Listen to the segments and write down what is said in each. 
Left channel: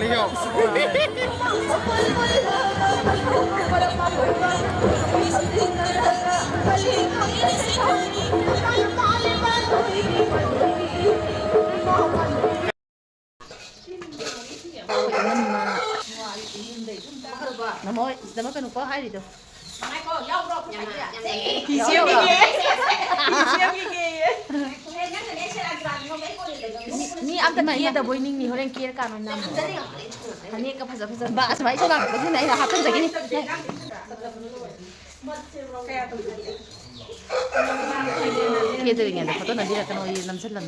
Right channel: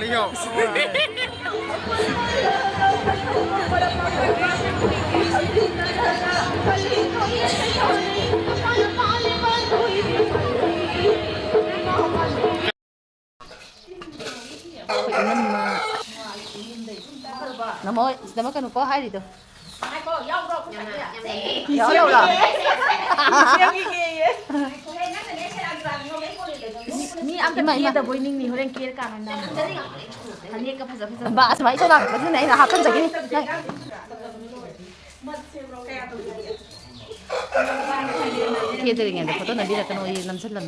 아니요. mình mà nó mới có hai gì được ni am tama iya da boy ning ni horen kier ka non nam hani ka phaja phaja ba asmai so na ba nei na hatan jagi ni kia từ ngày đó photo này đi là cái nồi làm rất là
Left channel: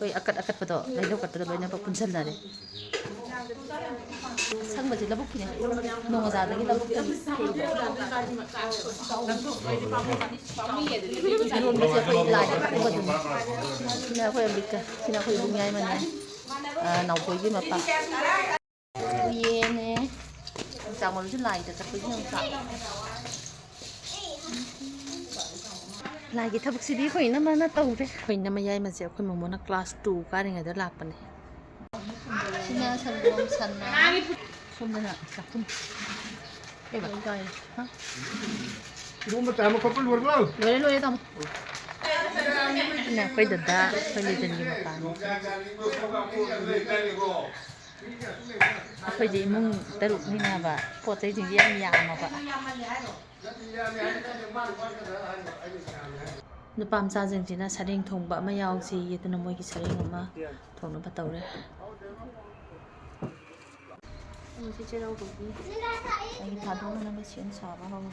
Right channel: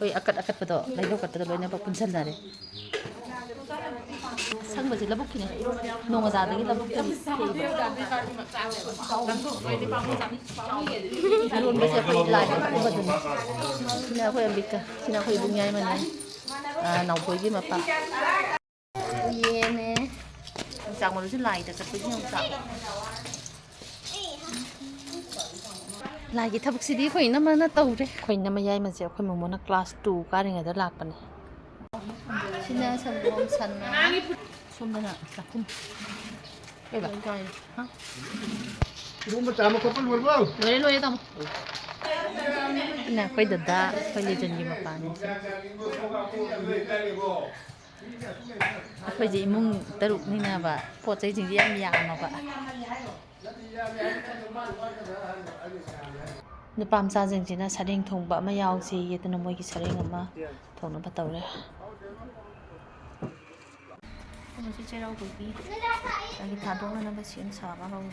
ơi akat photo lấy đâu cắt photo lấy nhau bọc chân là đấy sang baju labuk ni nong ada lagi labuk tu Irun baju apa ilai aku baju ni sini aku yang bika sini aku ibu nyai mana nau poi gini apa ye ne sang malu tu lai tak pergi yang tak lai kita buk sini kau ini mana tahu deh kau ini nama yai macam kau mau nak kelas 2 kan yang ada lapan ni sini sebelum sana somda na sakum eh ba kai ha Ibu mata mo ko pulur bro. loye tam na koi dada koi le jan gi ma pa ni koi ji mung taruk ni na ba po chai jing yang ya ma ba nu pam sa jing jina sareng thong ba ma yaw si yetna moi gi sareng ma thong na ba taw re Sajibu Cheiraoba Deepali lagi thadong na ba siyan sa ba ba ba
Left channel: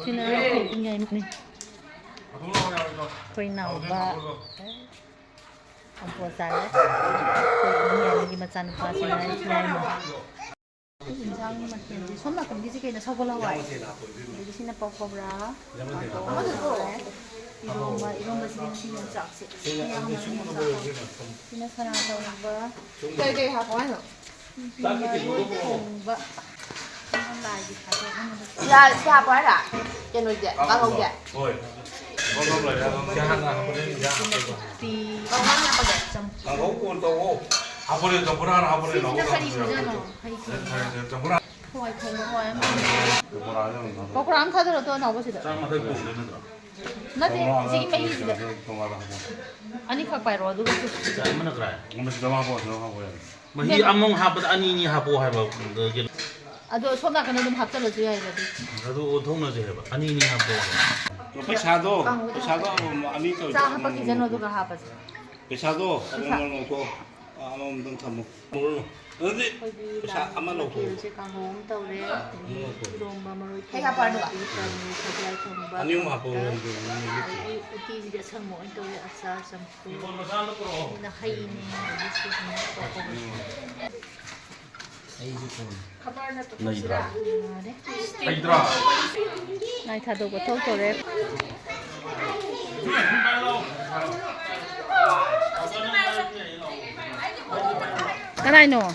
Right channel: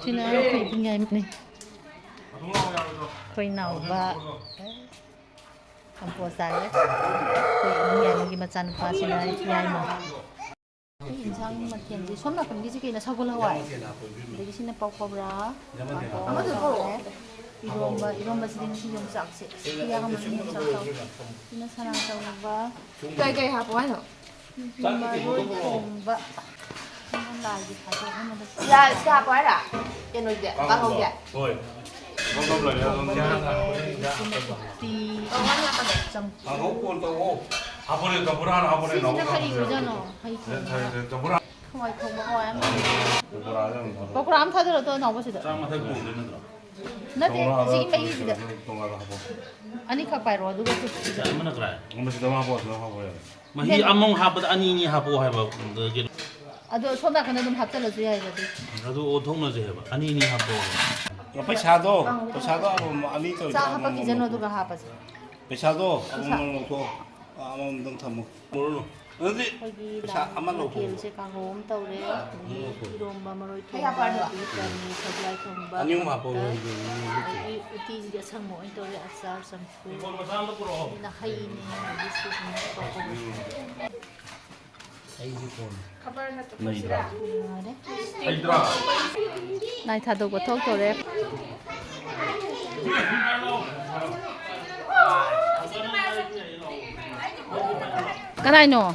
Tina ko nyai mik ni koi nau ba ampo sa le koi nyai lagi macam pa sina nyai mo insang mathian ji somna kan ji ke na sagol hawai jadi sina pau pau bra iromba sini sini sak se ya ham sini sak sina sarang tau ba cây hạt quá hả? mà đôi thùng ba con lại gì phải không nó được Ra cái hạt quá à? Trên người vậy, có không vậy? Rồi. Không lại không thì Con mắt nha con đẹp. trong con tàu. 아버지 전부 하나 아버지 진짜 나오고. 칼이 그잖아 하이 전부 하나. 호와이 통과 호와이 전부 하나. 거꾸로 안 타들어도 나오시다 짱만 들고 되는 거. 나한테 지금 매일이다 동화가 하고. 아니 가까이로 와도 그렇게 mana kira? 엄마 지금 하고 저 하고 해. Mahi among habat ani ni hapo hai ba de 아도 손나 그냥 좀 합쳐줘야 해야지 ado othong na je ba ani ni hapo पैसा도 아니 또 자 합박기 전에 누가 합하지 पैसा도 오늘 놓고 아무 돈 참고. 어디? 거기 자, 한번 나 놓고. 길지 가고 엄다우래 이런 마마로 Cái hạt quá hả? 사지알 통바 아니 뭐 하고 우티지가 상모 안도래 아싸 sampu na haini bisu ni toko 나이다. रे 아이들아. nai thado go thok tore cái này nọ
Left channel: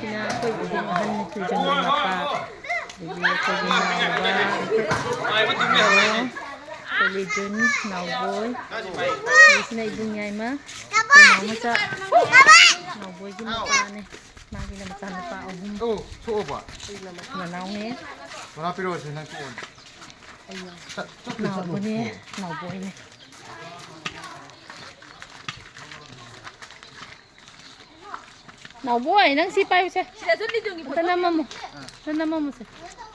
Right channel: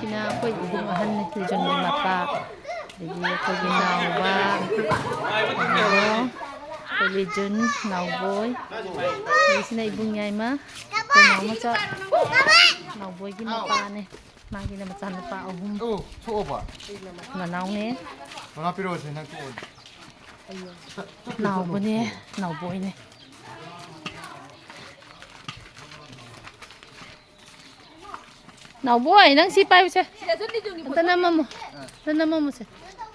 kina koi biding ahan ni tujan ni mapa jadi koi binau ba koi lijun nau boy di sini ibung nyai ma koi nau maca nau boy gi mapa ni ma gi na maca mapa ahum 또 초봐. na nau nge 전화 필요해서 난 또. nau boy ni nau boy ni nào boy nang si pai se ta na mamu se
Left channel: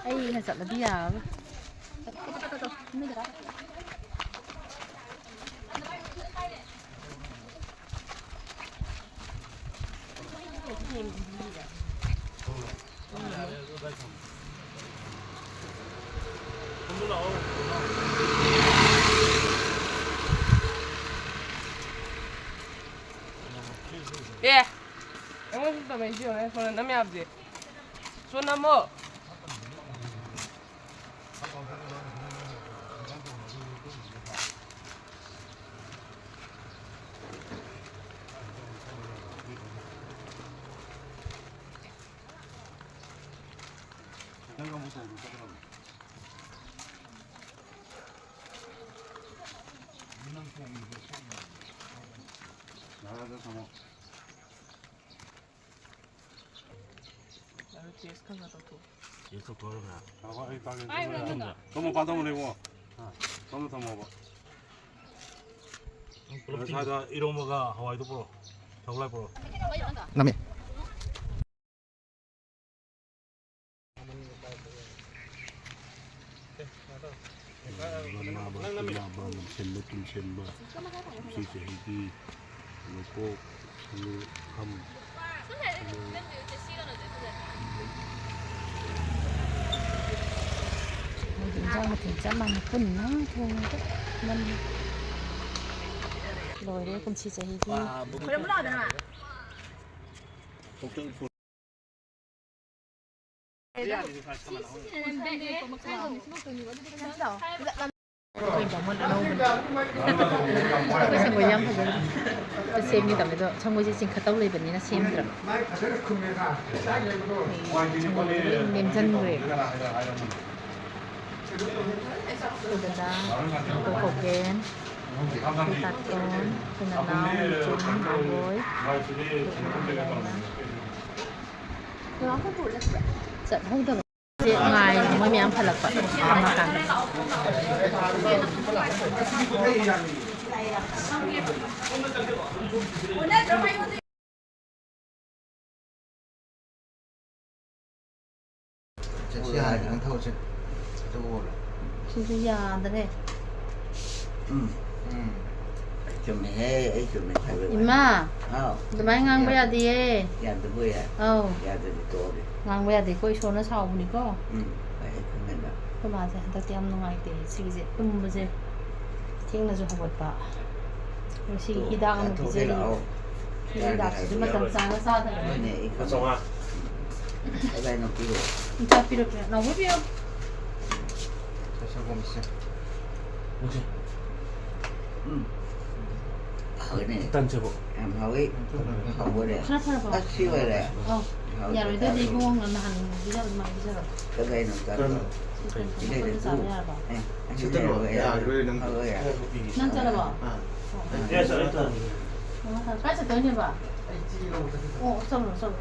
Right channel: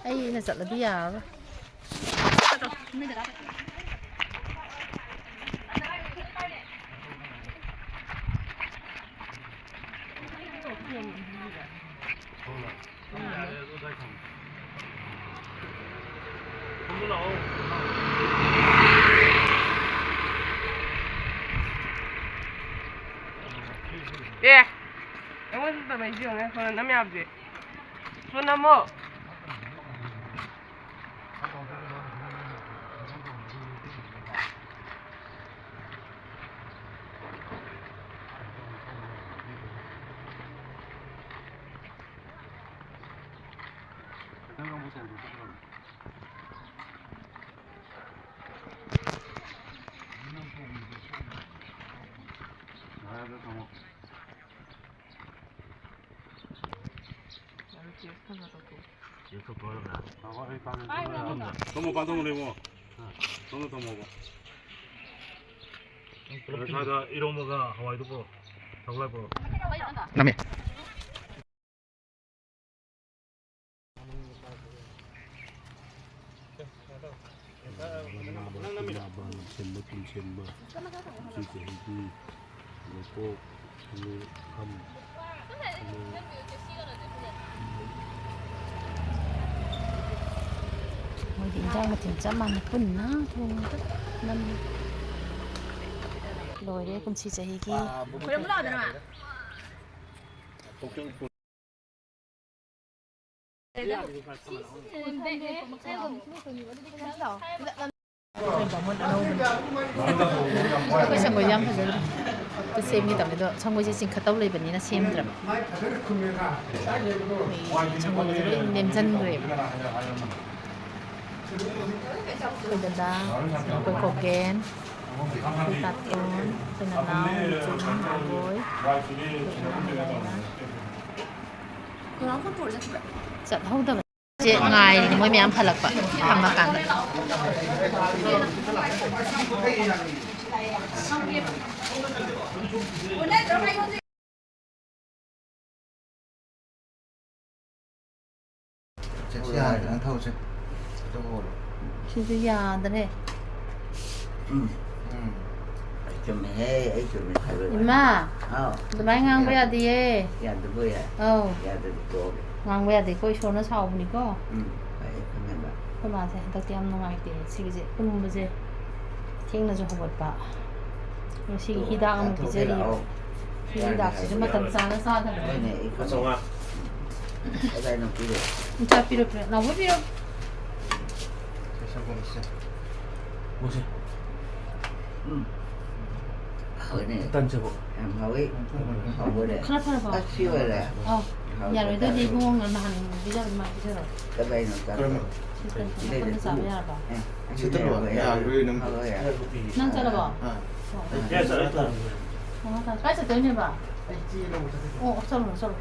ai na sa dia 예. 영어에서 많이 지원해. 저는 남이 아버지. 소나무. 계속 돌아가. 너무 반성을 너무 더 먹어. 사다 이런 거가 하와이도 보러, 정말 보러. 남해. 인장은 진짜 많구나. 노래 금치 자기기. Akwai bamun anauban akwai sangoi yam fajara ta semni tamdo sangoi je ching khatau leibani na semdra sangoi je nemjan gre da akwai koken akwai taton akwai nanau chum agoi chặt hâu da je ngai moi myam phalak pa thama kan Chứ già đấy. Ima. Tụi bay ngang bây giờ đi. Dạ tụi bây giờ. Dạ tụi tôi đi. Ngang bây giờ thì coi số nó sau mình có. Phải không nghe bạn. Cái mà sẽ ta tiêm nó ngay thì xí gì cũng bây giờ thiên là cho học bật bạ. Rồi xí khi đã ăn thì chơi đi. Khi đã chỉ mà tầm xa nó xa thôi. Cái này không xong à. Cái này nó kỹ rồi. Chả biết được nó biết không? 뭐지? Hỏi này. 일단 제보. Em hỏi. Hỏi đây. Khá là Bác siêu rồi đây. Nhà rồi tôi đi buông là hành bây giờ mà bây giờ. Cái này nó ta. Cái này là cũ. Anh cái này rồi à. Hỏi à. Năng cho là bỏ. 됐어, 됐어. Cái sẽ tới như vậy. Xong rồi.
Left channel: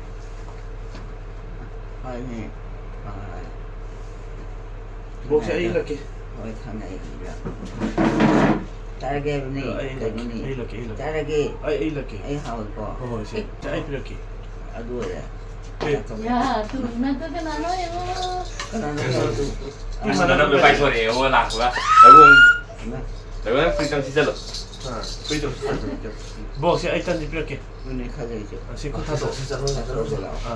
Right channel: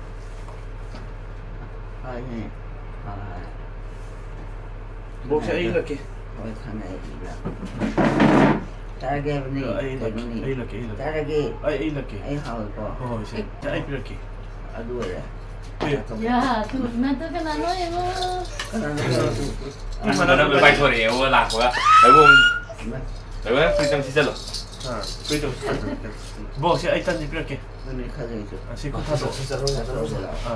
Hỏi này. 뭐 sẽ 이렇게. Hỏi thằng này là. Target ni. 이렇게. Target. 이렇게. Ai hỏi có. 이제 자 이렇게. À đuổi đấy. Dạ, tụi nó tôi cái nói em ơi. Cái này nó. nó bị bay thôi để ô lạc quá đấy phương 진짜로 뭐 sẽ 일단 이렇게. Ini khơi chứ. 시코 타도.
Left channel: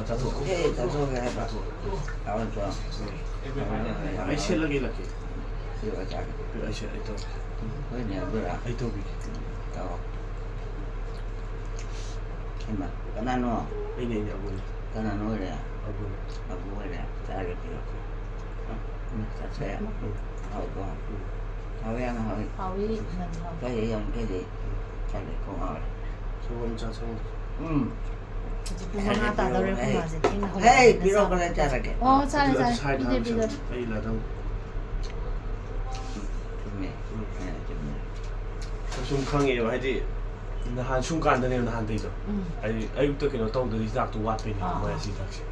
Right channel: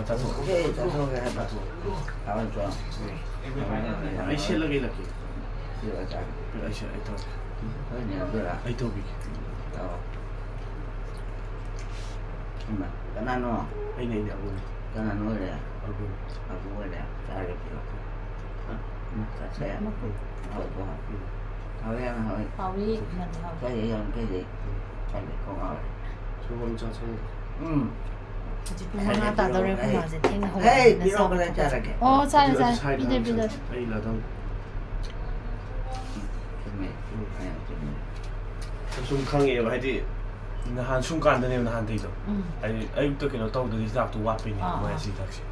타도. Hey, tato cái này. Awan tuang. 아이 셀러게 이렇게. Siapa cakap? 아이 셀 아이 또. Oh ini apa lah? 아이 또 비. Tahu. Emang, kanano, 아이네 아버니. kanano dia, 아버니. abu dia, cakap dia. Tak saya. Tahu tuang. Tahu yang tahu. Hào đi, mình hào. Cái yang cái gì? Cakap kau tahu. 저거 자 저거. Chỉ cũng nghe ta đâu rồi không mà sẽ听không. Hey, biro cái này cakap. Sai. Bây giờ. 아이 라당. 좀 강해요. 하여튼 한 순간에 한 대죠. 아니 아육도 그냥 떠오르기 시작도 와페니 뭐야 시작지.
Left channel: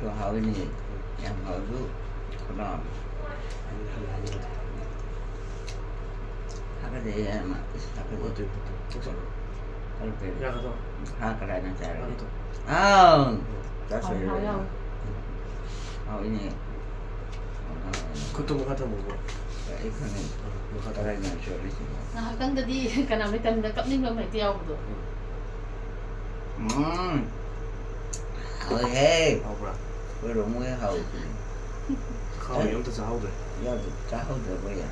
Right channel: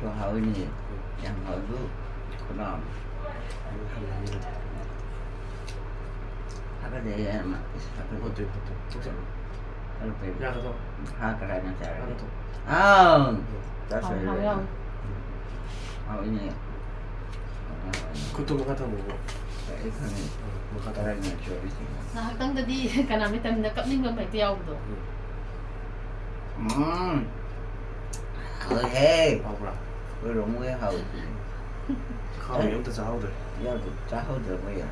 Tôi hỏi này, em hỏi lúc có nào. Hai cái gì em ạ? Hai cái gì? Hai cái gì? 야 가서. Hai cái này nó chạy ra. 하나도. À, đã Hào sửa rồi. không? Hỏi này. 그것도 뭐 갖다 먹고. Cái khăn này. 뭐 Cái 갖다. này là sửa đi. Nah, kan tadi karena kita tidak kap ning phải tiêu rồi. Hỏi he. 아우라. Với đúng với hầu. 가면 염도 자오들. Giao được cá hầu được bây giờ.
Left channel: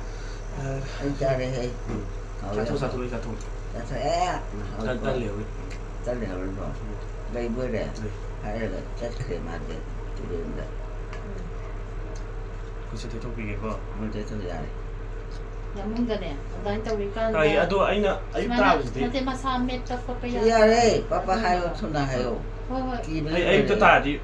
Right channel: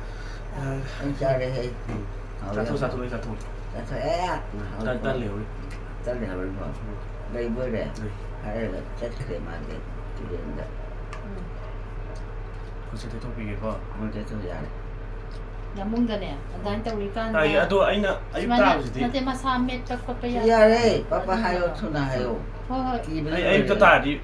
Anh cha đây he. 자토 자토 자토. Đã sẽ. 딴 레오. Tất đều rồi. Đây bữa đây. 네. Hay là chất khởi mà để đến đây. 그치 대통비게가. Không thể thôi dài. Yang mung ka niya. Dahil tawikan. 아이 아도 아이나 아이 따라지. Nanti masamit pa pa kaya. Dạ đây, papa hayo thuna hayo. Hoy. Kỳ bên 아이 또 따지.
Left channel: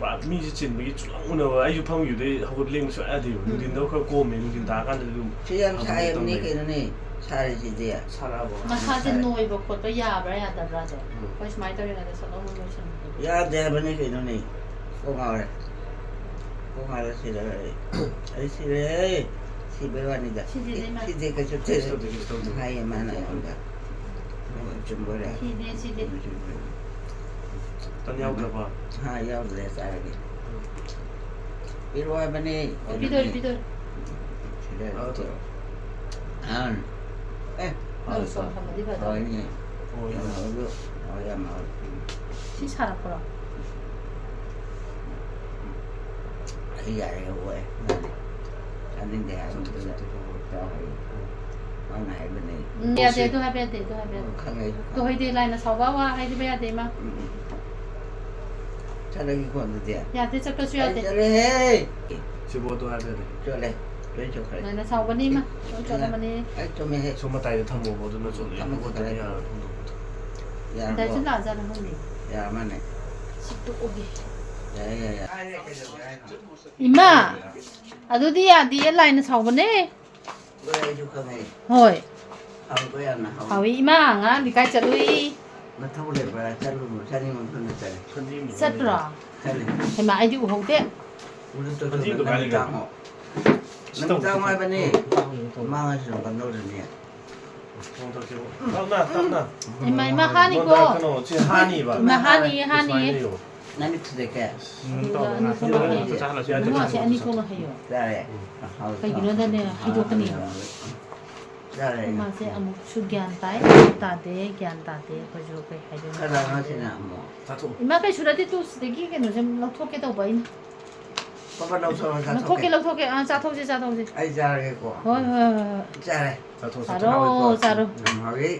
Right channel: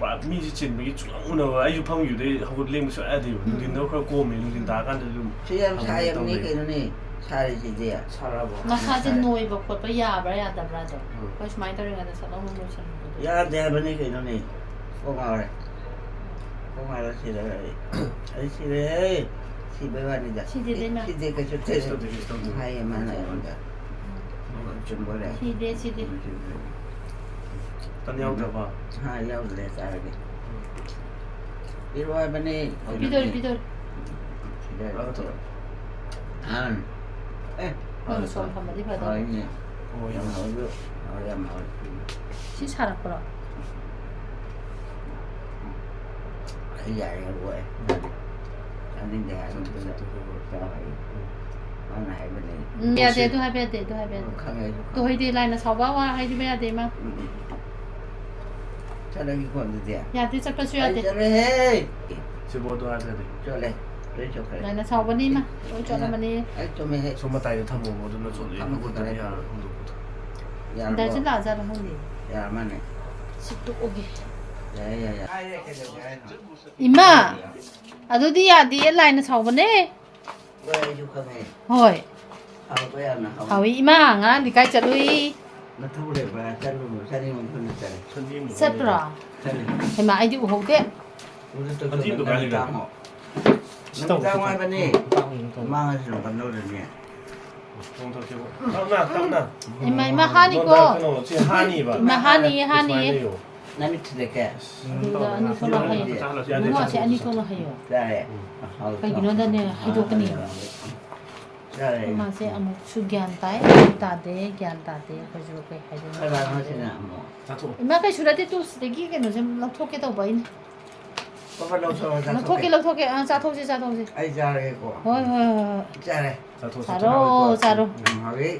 와 미지 진 미기 쭉 오늘 아이 방유대 하고 레임 써 해야 돼요. 누군도 그 고메 누군 다 간데 좀. Chứ em trai em nghĩ cái nó này. 살이지야. 살아봐. 마사지 노이버 콧바 야브라 야다브라도. 그 스마이 떠링하다 살롱 로션. 야 대번에 그놈이 꼬마래. 꼬마를 시래. 아이 시래. 시베와니다. 시데가 좋대. 하이 많아요. 좀 뭐래. 시데. 딴 야구 봐. 하 야우래 살게. 이리와 버니. 비돌. 시래. 알았어. 안. 에. 알았어. 한마디 봐도. 아니. 야마도. 야마. 시 살았구나. 아이야 왜? 아닌데 안 들어. Mà này bên này. Ya de to have de to have. Không ai. To hay de line sa wa hay de ba de ma. Sao đây còn được gì? Ya de sa ka su ya de. Cho đây. 저번도 하자. Cho đây. Để cho cái. Line sa wa ni ma. Cho na ma ni. Ấy cho mày hết. 소마 따위 타모 뭐든 좀 내. 야. Dạ. Da chin la ja da hong ni. Dạ mà này. Sikto oge. Dạ dạ dạ. Ima. Adudi ya di line sa wa ne. Đây chú không này. Hoi. Không có ăn nào. Hawi ima nga di kai chalui. Nó thâu để vào chân luôn, chân đi mình không được chân. 선진이. Satra. Chân đi. Hay ma ai di ho de. 우리 또 저기 가고. 남자 ngoài bên này. Mang cái gì còn đâu được nhỉ? 동탁 해보. 땀나. Ima hani ko. 그노 지금 한이 봐. Ima hani. Nó biết thế cái. Ni ko no hayo. Mo si ani ko no hayo. Ra đây. Kai gino da ne hayo ka ni. Ra đây. Ma se amuk su gyan tai ta de ko ju kai hayo. Cái đó nó thế nào mà? 다투. Ima kai sura de tu stegi ke no jam lak thok ke to bai. Có bắt đầu sao ra Lak thok ke cha thok je. Ai ra đây cô. Hoi. Ra đây. 다투. Charo. Hawi.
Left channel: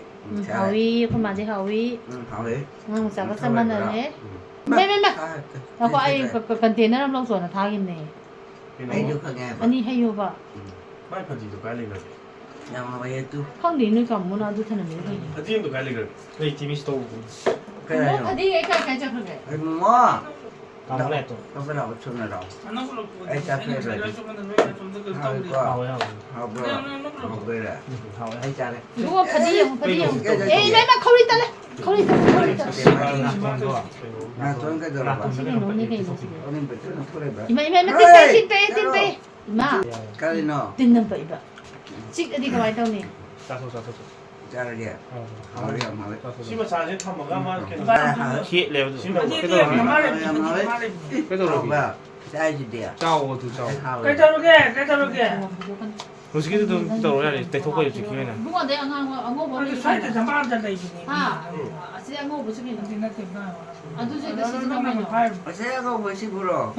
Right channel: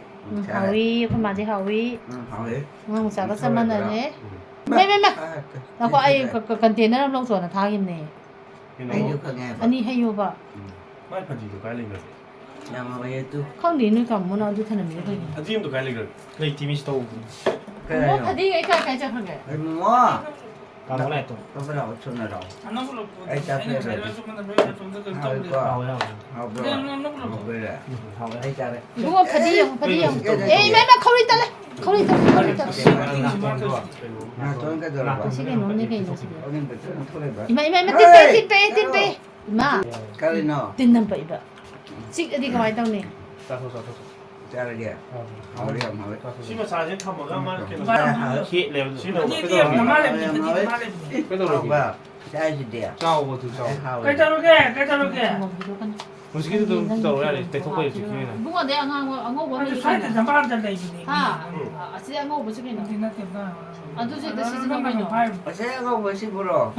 Hawi ko ma je hawi. Hawi. Ngang sa ka sa man ne. Mai. Ako ay container am long so na thagim ne. Ai được không nghe? Ani hayo ba. 많이 파디도 갈리면. Nhà mà bây giờ tu. Không đi nữa cầm muốn đi thân mình thôi. 파디도 갈리면. 네 팀이 스토브. Cái này Nó rồi. đi cái cho không vậy. Ai mua? Kamu lah tu. Có bắt đầu xuân rồi đâu. Ai cà phê rồi. Hawi quá. Hawi bro. Hawi rồi. Ai cà đây. 누가 바디용. 에이 매마 커리 달래. 커리 달래. À tôi cái đồ là. 지금 너네 게 있어 지금. Ông bị tôi không lấy bro. 이마 띵 이마 Cái nó. 띵는 봐 이봐. 직 어디 가만히 있다네. Ra đây đi. Hawi không Hawi. 심어 사진 타모가 막 이렇게. Hawi. Kek lewat tu. 심어 Hawi. Kau tahu Không lagi. vào. Ra gì đi. Jauh tu jauh. Hawi. Mesti kita tu tahu lah. Tekok kau itu kira. 누가 내가 안고 봐. 아, 아직 안고 보지 그냥. 아, 도저히 나 시즌 한 번도. Ở xe không có xí bro.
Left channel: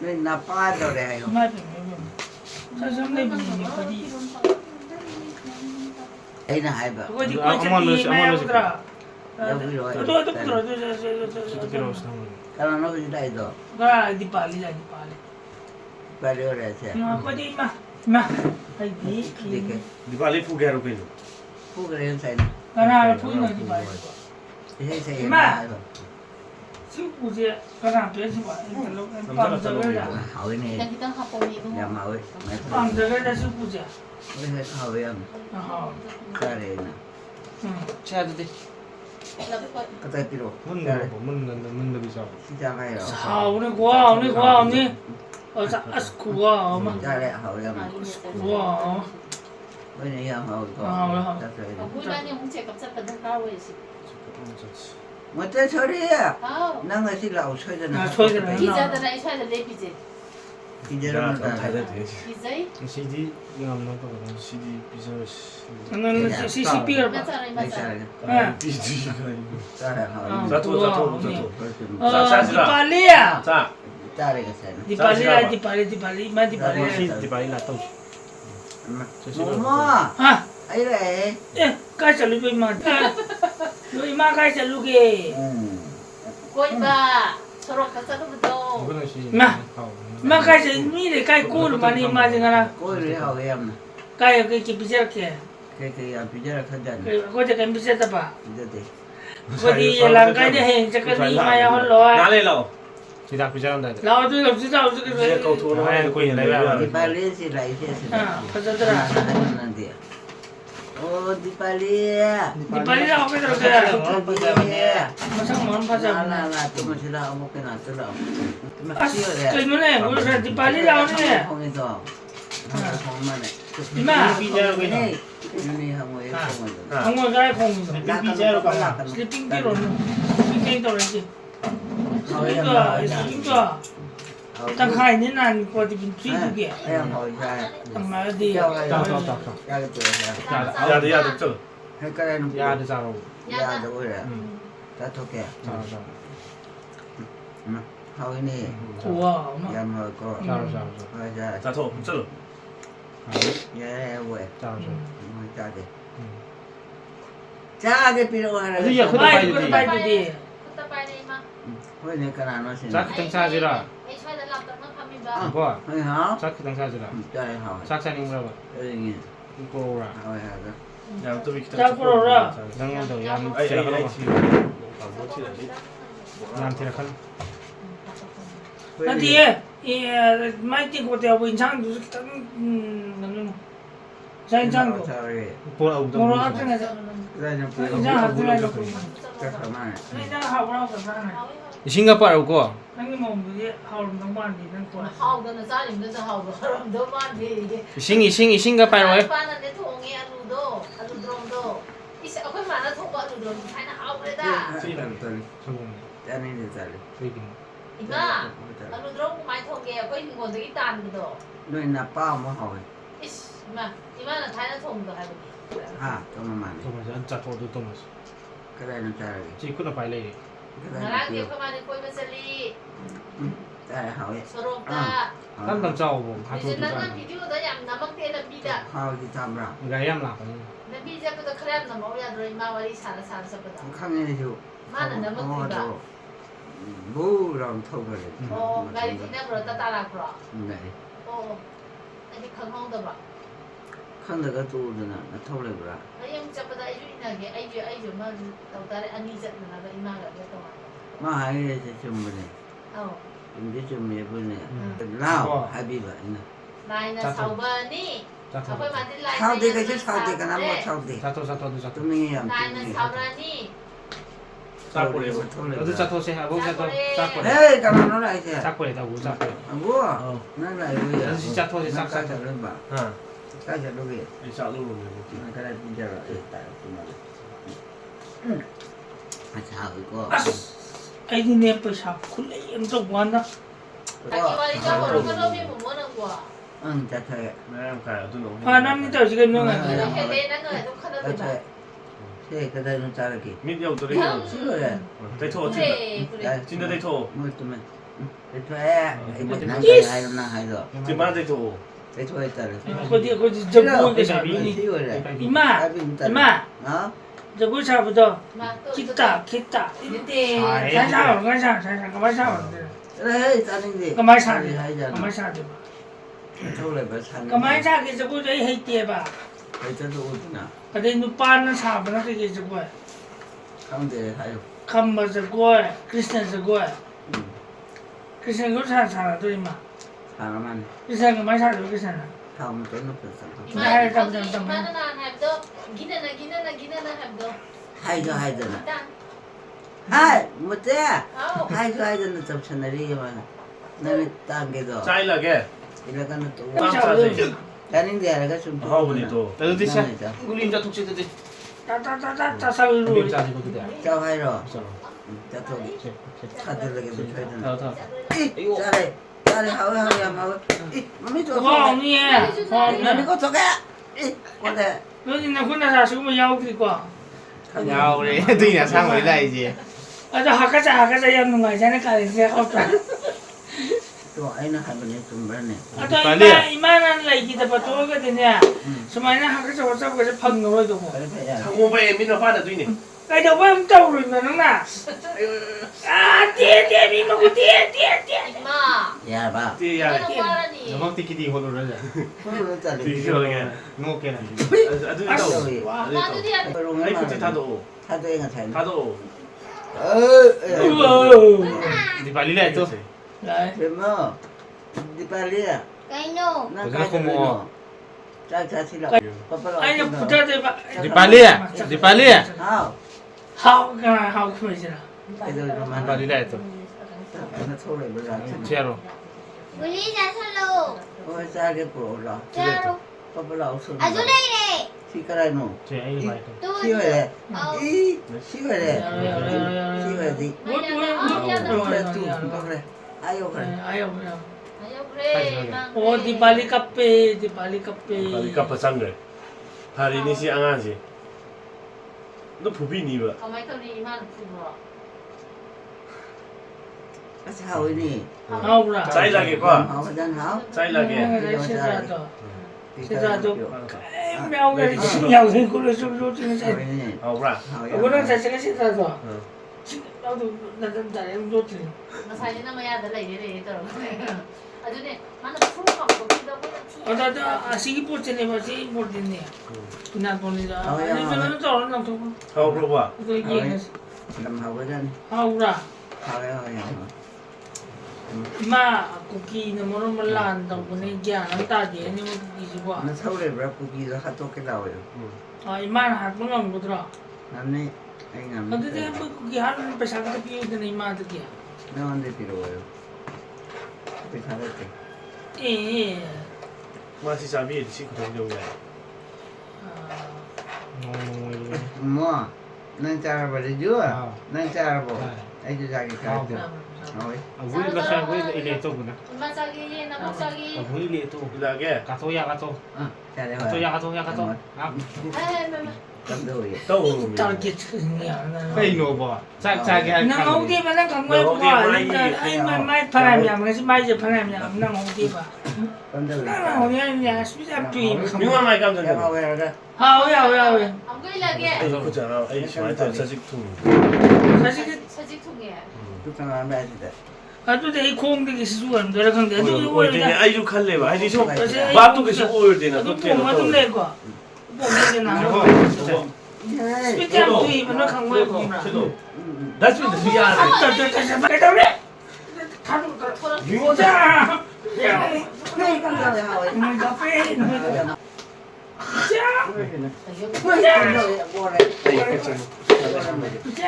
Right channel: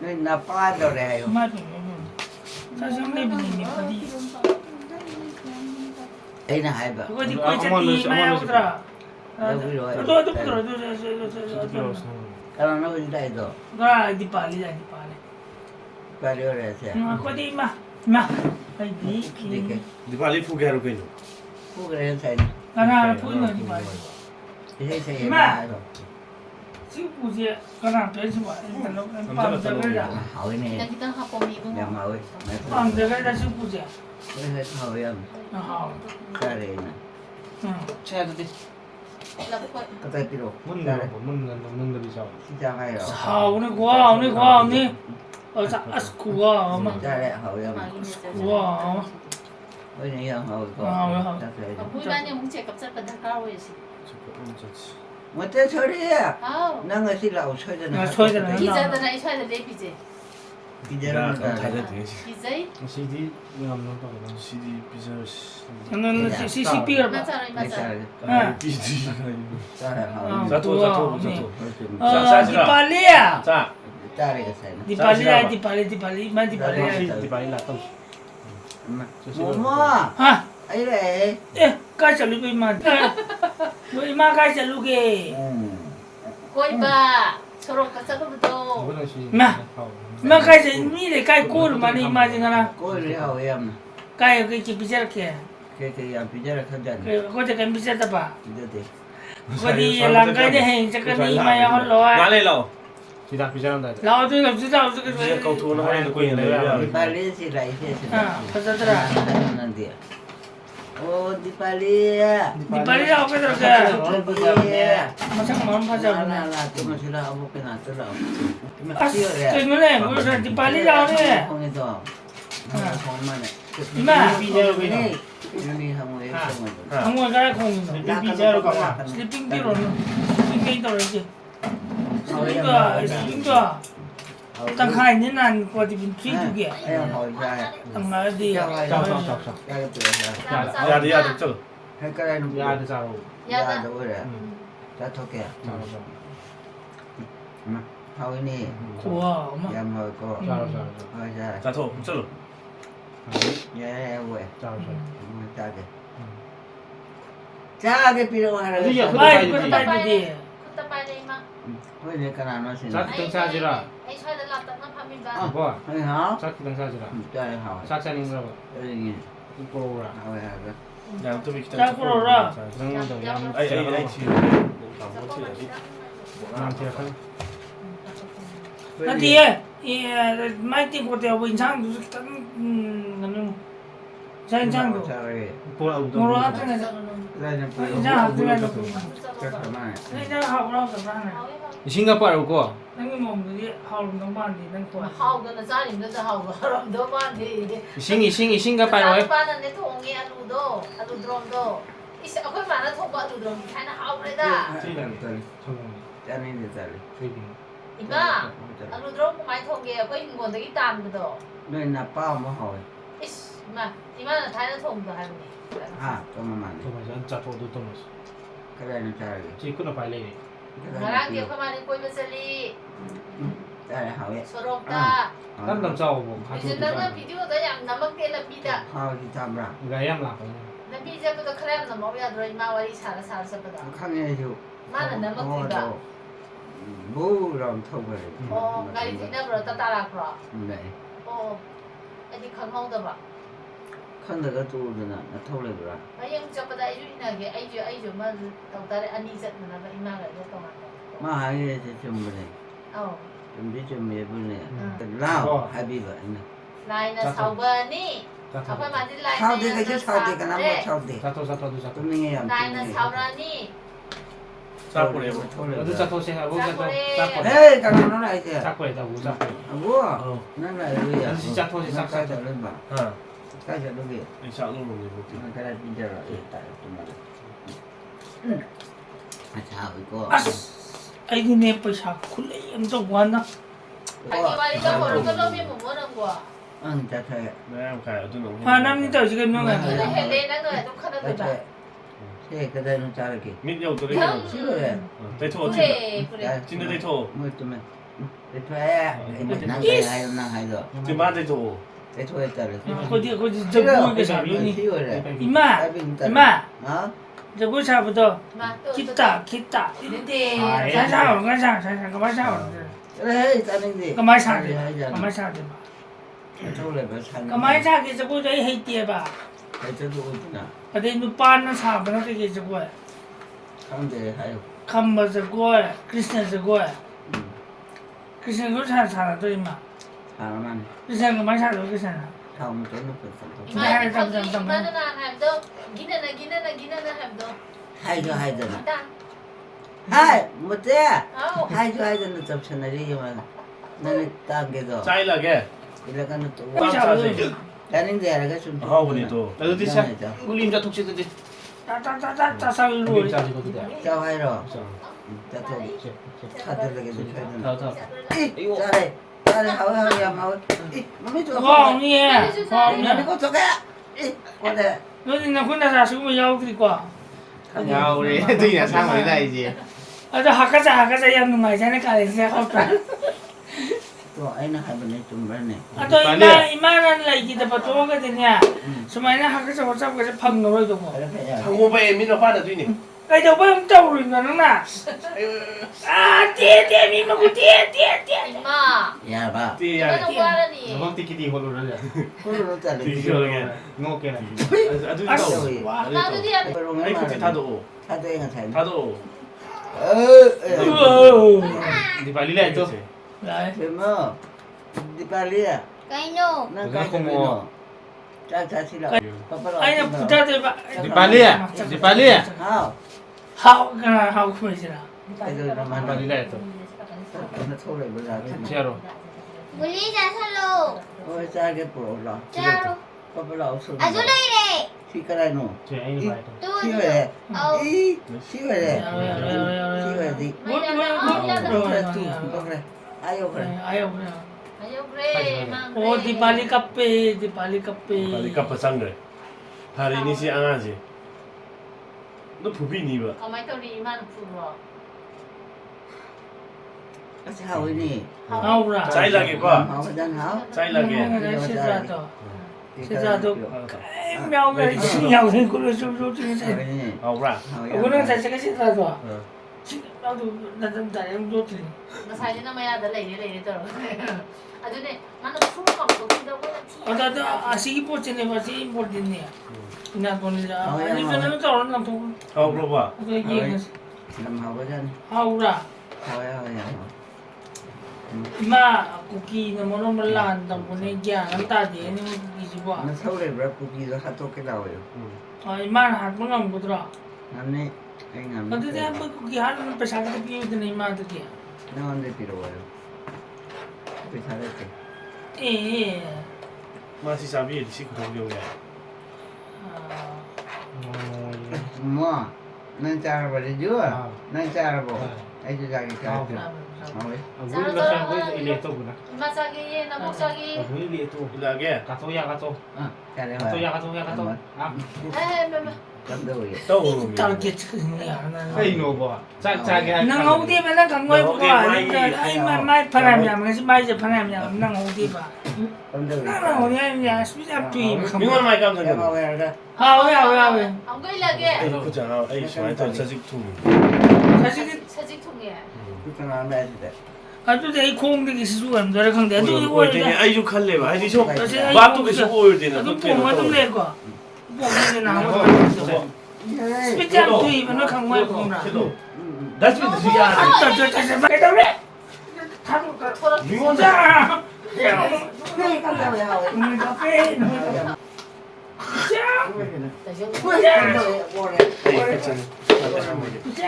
Nên là ba đầu này không. Đây là hai bờ. Đâu đi rồi. Cái nó đi đây rồi. Ba đứa này xe. Đi cái. 디발리 푸게로 그이노. Phu cái này xe này. Đi xe xe mà rồi. Hỏi này. 일단 기타 하고미. Nhà mà ơi. Mày hỏi em. Cái này nè. Saya tu deh. Cái tay piro. Mun Ra đây. mun lebih jauh. Xin chào ngay rồi. Ra đây hỏi em. Với này em hỏi con. Chắc rồi. 불만이 홍채 갑자기 가고 있어. Mà thế thôi đi à. 아우. Năng người xin lậu chơi cho nó. 기자들 이 쳐야 돼 비제. Bây giờ nó 잘 là. 되지. 기자이. CD yang mana tu? CD 비자. 맞잖아 Đây 맞아. trời. 비지. Ra đây hỏi. 자토. 자. Ra đây cái xe này. Di balik lah tu. Mua. Ấy đây. 꼬이가 서로 가자도부터. Mana si? Cô đi hỏi em này. Cái em bây giờ là thân dân. Bây giờ thì. 나래로. Tidak berjalan dah. 이제 cầu thủ nó hay quên đấy. Đi ba lý thì lại thế thì. Nó đi. Oh, Deepali ya. Deepali lah apa tu? Macam mana pasal? Lah, tu masih lah mau kena tu lah. As, kemana? Bukan Deepali lah ni. Kong itu. Kong mana? Ima. Ini kamu itu kong itu. Kamu gaya kong. Sleeping Sleeping di rumah. Sleeping tu lagi. Sleeping tu. Tang hai ni nan kau di pintu tu ke? Yang hoi sai. Tang mana di? Chào. Chào. Ya cái tuổi này. 야들 야들 쩔어. Hay cái này nó Ya ada sao? Ya đâu rồi. Ta thôi kìa. Hoi ni. Wow. Yang hoi có. Hoi sai. 자, 더 쩔어. Ya vậy. Chào. Hoi cha kìa. Cha cái piro hay là. Baik, kita tahu dia. คุณตะไปเลยมา Hoi ni cái nào nó xin. Sak teng saja lah. ไอ้ช่วยตะลับตะนับพามีบ้า Wah, Hoi hả? sak teng saja lah. Cha hoi. Sak saya ni berapa? Ini. Iko lah. Hoi hoi. 야, 또 이렇게 자, 풀어라. 자, Jangan tu, yang 아이, siapa? 지금 뭐 치야지? Nanti kan. Nanti mai ti ko te abu insan tu kita nanu. Saya insan tu. Cari. Moro apa ni? Ra yang piro. Insan hati lagi tu. Chắc là mai. Ini dah hawal apa sana? Singapore ko. Nanti mau beli hawal tempat di dan มา kuat. เข้ากันนะจ้าหนิมจะเข้ากันเราเดินบ้านดี Singapore ko. บ้านนั้นเนี่ยทุ่งเงี้ยอลูโดอลูดรอมโดอีเสียเอาขึ้นมาแล้วทุ่งก็อลูดรอมใช้นะเอาเลยด้า Cho nên là tali. อีกอ่ะอลูดรอมหมายทุ่งเงี้ยก็ยิ่งกว่าที่ตานกันโด Nơi là bao mà hỏi. อิสมาอีมาน่ะท้ายแล้วทุ่งก็ให้ดู À, cho mà màn. Tu macam jatuh tu tu mas. Cái này nó trai. Cik kau nak pilih. Cái มา này ล้าง là เกี่ยว piro. เข้ามาในกล้วยเบสลี Đây hỏi. สโรงตา Kan kau jauh pun. ดิฉันนั่งวิดีโอตัวอย่างน้ำมันเกลือบีดา How đi tham ra. Gayam lah. น้ำบีจะเป็นแครมน้ำมันยาโดยมาวันที่สารสารสัปดาห์ Không nghe chú. Bố làm thâu rồi. โอ้ไงที่นั่งรถตาลากรอ Này. โอ้ไอ้ที่ข้างห้องตัวบ่ Không được cái tu rồi nè, nó thâu lại rồi. แล้วยังจะไปได้ยุ่งนะไอ้จุมันต้องแต่อันนี้จะมันก็อีมาแล้วก็ประมาณ Mà hai cái sẽ chum bên này. อ๋อ Chum đi chum mẹ bên này. Lao hai bị vậy nè. ลายนะชาวเบอร์นี่เขาไปมาที่ลาย Sao đi cái chứ sao đi cái nắm mà sao đi. Satu satu tu satu. Tôi nghe em. ลายนะชาวรานี่ 사포레. Itu satu saya abu satu. Satu. Ê, cái nào nó lại kìa. Satu itu abu satu. Bố à? Nó lại bây giờ. Nó chặt thôi thì Nó sắc cái sắc. chặt lên bảo. 아, Cái chặt lên việc. 이 샤로 먹는 거. Cái này bây giờ là tại tụi mình. À sao vậy cô? Ai ni ni apa sah? Kulai untuk mana? ไอ้ที่ว่าที่เขาบอกว่าโดนมีหมู่บ้านกว่า Chặt thôi. 네, 가요. 어떤 놈. Ah, nam ni tahu juga memang เรา ada. เห็นเลยนั่นเลยทุกคนเลย Chặt thôi. Thế cái đây nó chặt được kì. 민영 또 Xíu rồi nè. 데이터 เฮ้ 어떻게? ได้ 진짜 데이터. Mới tụi mình. Để thuê. Năng cái hay năng hay rồi. 지금 만 데이터. Để thuê chặt được. Kau dia jemput ke sah ni. Xíu rồi nè. Ima, Cái bình tĩnh. Ima, Đó. jemput sah betul. มาตัว Kita. Ini deh. Saya tahu, kau tahu. Ê, ta nên gì? Kau mai sah Hay dia. hay giờ Kau mai sah dia. Thôi lại phải sang. Kau mai sah ke jemput jadi hai dia ba. Phải cho tôi nè. Ada ni pan na sah benar ke jemput. Không thì hay không? Khamma jemput, Krishna jemput. Krishna kau sah tu Ima. À nó ăn. Krishna kau mai sah tu Krishna. Không tôi nó phải sang. Gimana hamdo? Gimana hamdo? Hay cho hay giờ nè. Hai, một thế. Hai cho hay giờ nó tập sinh đi mà. Nên tăng cái đó. 짜일하게. Thì là cái nó tụ. Kau sah tu. Cái nên gì là cái sum. 하오분이 또. Lalu dia sah. 울림자 톡치듯이. Tak sah dulu. 울림자 이거 그대. Cho hay rồi. Cho tôi. Thật là cái bút phê này. Ý, ra đây. Ra đây hậu hậu em hậu. Ý, nó mới cho Wang ni eh. Nó mới có cho cái. Ý, qua đây. Nó ni nak pun dah semua jauh ke kau. 야 우리 애들이나 상관이다 이제. Ada hak saja yang mengajar ni kali saya kau kan. Tôi ấy nó hai bên này chùm bên này. Atau iman lagi kita betul ke dia. Semuanya hak saja kau pang rồi tu. Cái đó phải là. 상호바에 민어 화나 두이니. Cái đâu bơm trâu rồi mà nó nè. À tia mi mà cô tia. Ima. Dạ bà. 띠야. Ano para ni? 너만 띠끼디 이걸로 그러자. Không được trả được. 디기어게. 이거게. 아두 Đâu 또. vậy? Ano diyan? Tôi luôn 아이 mà. 그치 다도. Thay tôi là thầy. 다도. 네 발리라 했죠? Đấy. Biết không? Đi Paris à? Kaino. Nó cái cho nó. 짜자시라. 아니 부자들 봐. 디팔리야. 디팔리야. 하우. 하우가 하우 그러지라. 애들 만나. 디팔리라 했어. 나 소리 몰라. 제로. 우리 자살로 어 짜게 보라. 짜로 빠빠라 없어. 아주레이레 시카라노. 제 애기 봐. 또 시월에. 어 이 시월에. 야야야야야. 시월에. 그래. 아유 그래. 아유 그래. 그래 오 디발리 카페 디발리 카페. Bali ka pasang rồi. Hari ni si ang aji. Nó phổ biến gì vậy? ทำไมต้องรีมันคือว่า 하우니. 하우라. Trái là cái quoi? 하우 전 하우. Trái là cái. 시자도. 시자도. 명을 신경 쓰고 좀 중에서. 하우니. Hầu ra. 이거는 자체가 시자도. Ừ. 나도 나도 잘해 줬지. มาใส่นี่ไม่ยากแต่เลยเลยตลอดอันนี้มันพุ่งของตัวที่เราที่ 어다다 아시기 포트네 봐지 포트네. 나 돈이다. 아니 저는 또 얼른 또 Hầu luôn à? 이거 얘기해. 남 하우 전. 하우라. 하우야 하우야. 마 쿠키는 뭐로 몰라한다 보내 야 안다지 아니 쿠키 봐. 나 서울에 왜 고기를 핫도그 나와요. 아 이만 하고는 뭐더라. 나는 아니 나. 근데 한번 쿠키 하는 배상도 비우더니 이마한테. 나 언제 필요해요? 그 잘했지. 예. Mà si sao biết si không đâu vậy? 뭐? 난 잘해버려 줘. 난 잘해버. 애들 자기 잘해. 어이. Vui nó xem với ile tu nè. มาจากยี่นะมาจากยี่ Vui ile tu. Là cái. Cà tô ya cà tô. 잘해. Cà tô ya cà tô ya cà tô. เอ้ยมา 감독이. Đâu? 짧게 çıx이야. Hay nổ bỏ. Chạy chạy cái. 난 어디 봐, 난 강화에 봐. 아니, 마이 파람이야. 그래서 마이제 파람이야. 난 어디 봐. 감독이. 난 어디 아니야. 수잡 주의. Nhưng mà mày cầm cho 내가 được. 왜 알아? 왜? 안 그러게 Đây có chả nào? Ấy phải thật sự thùng. 사실 사직 통이야 그렇게 안 해야 돼. 나도 내 공격이 수가 안 들어. 근데 너 Ôi 이거 thế này ai du khăn lệ mà ai đi số. Ôi, Ba tu cái số ôi thì là 너 tốt tiền 뭐 nó 좀 tốt. 내 거. 뭐 이제 나. 스피트랑 주의 너 강화에 공라. Đã chuyện gì ra thì. 왜 그래? 다들 미원. 자. 네, 감독이 하고. 뭐 카페. 자. 뭐래? 자.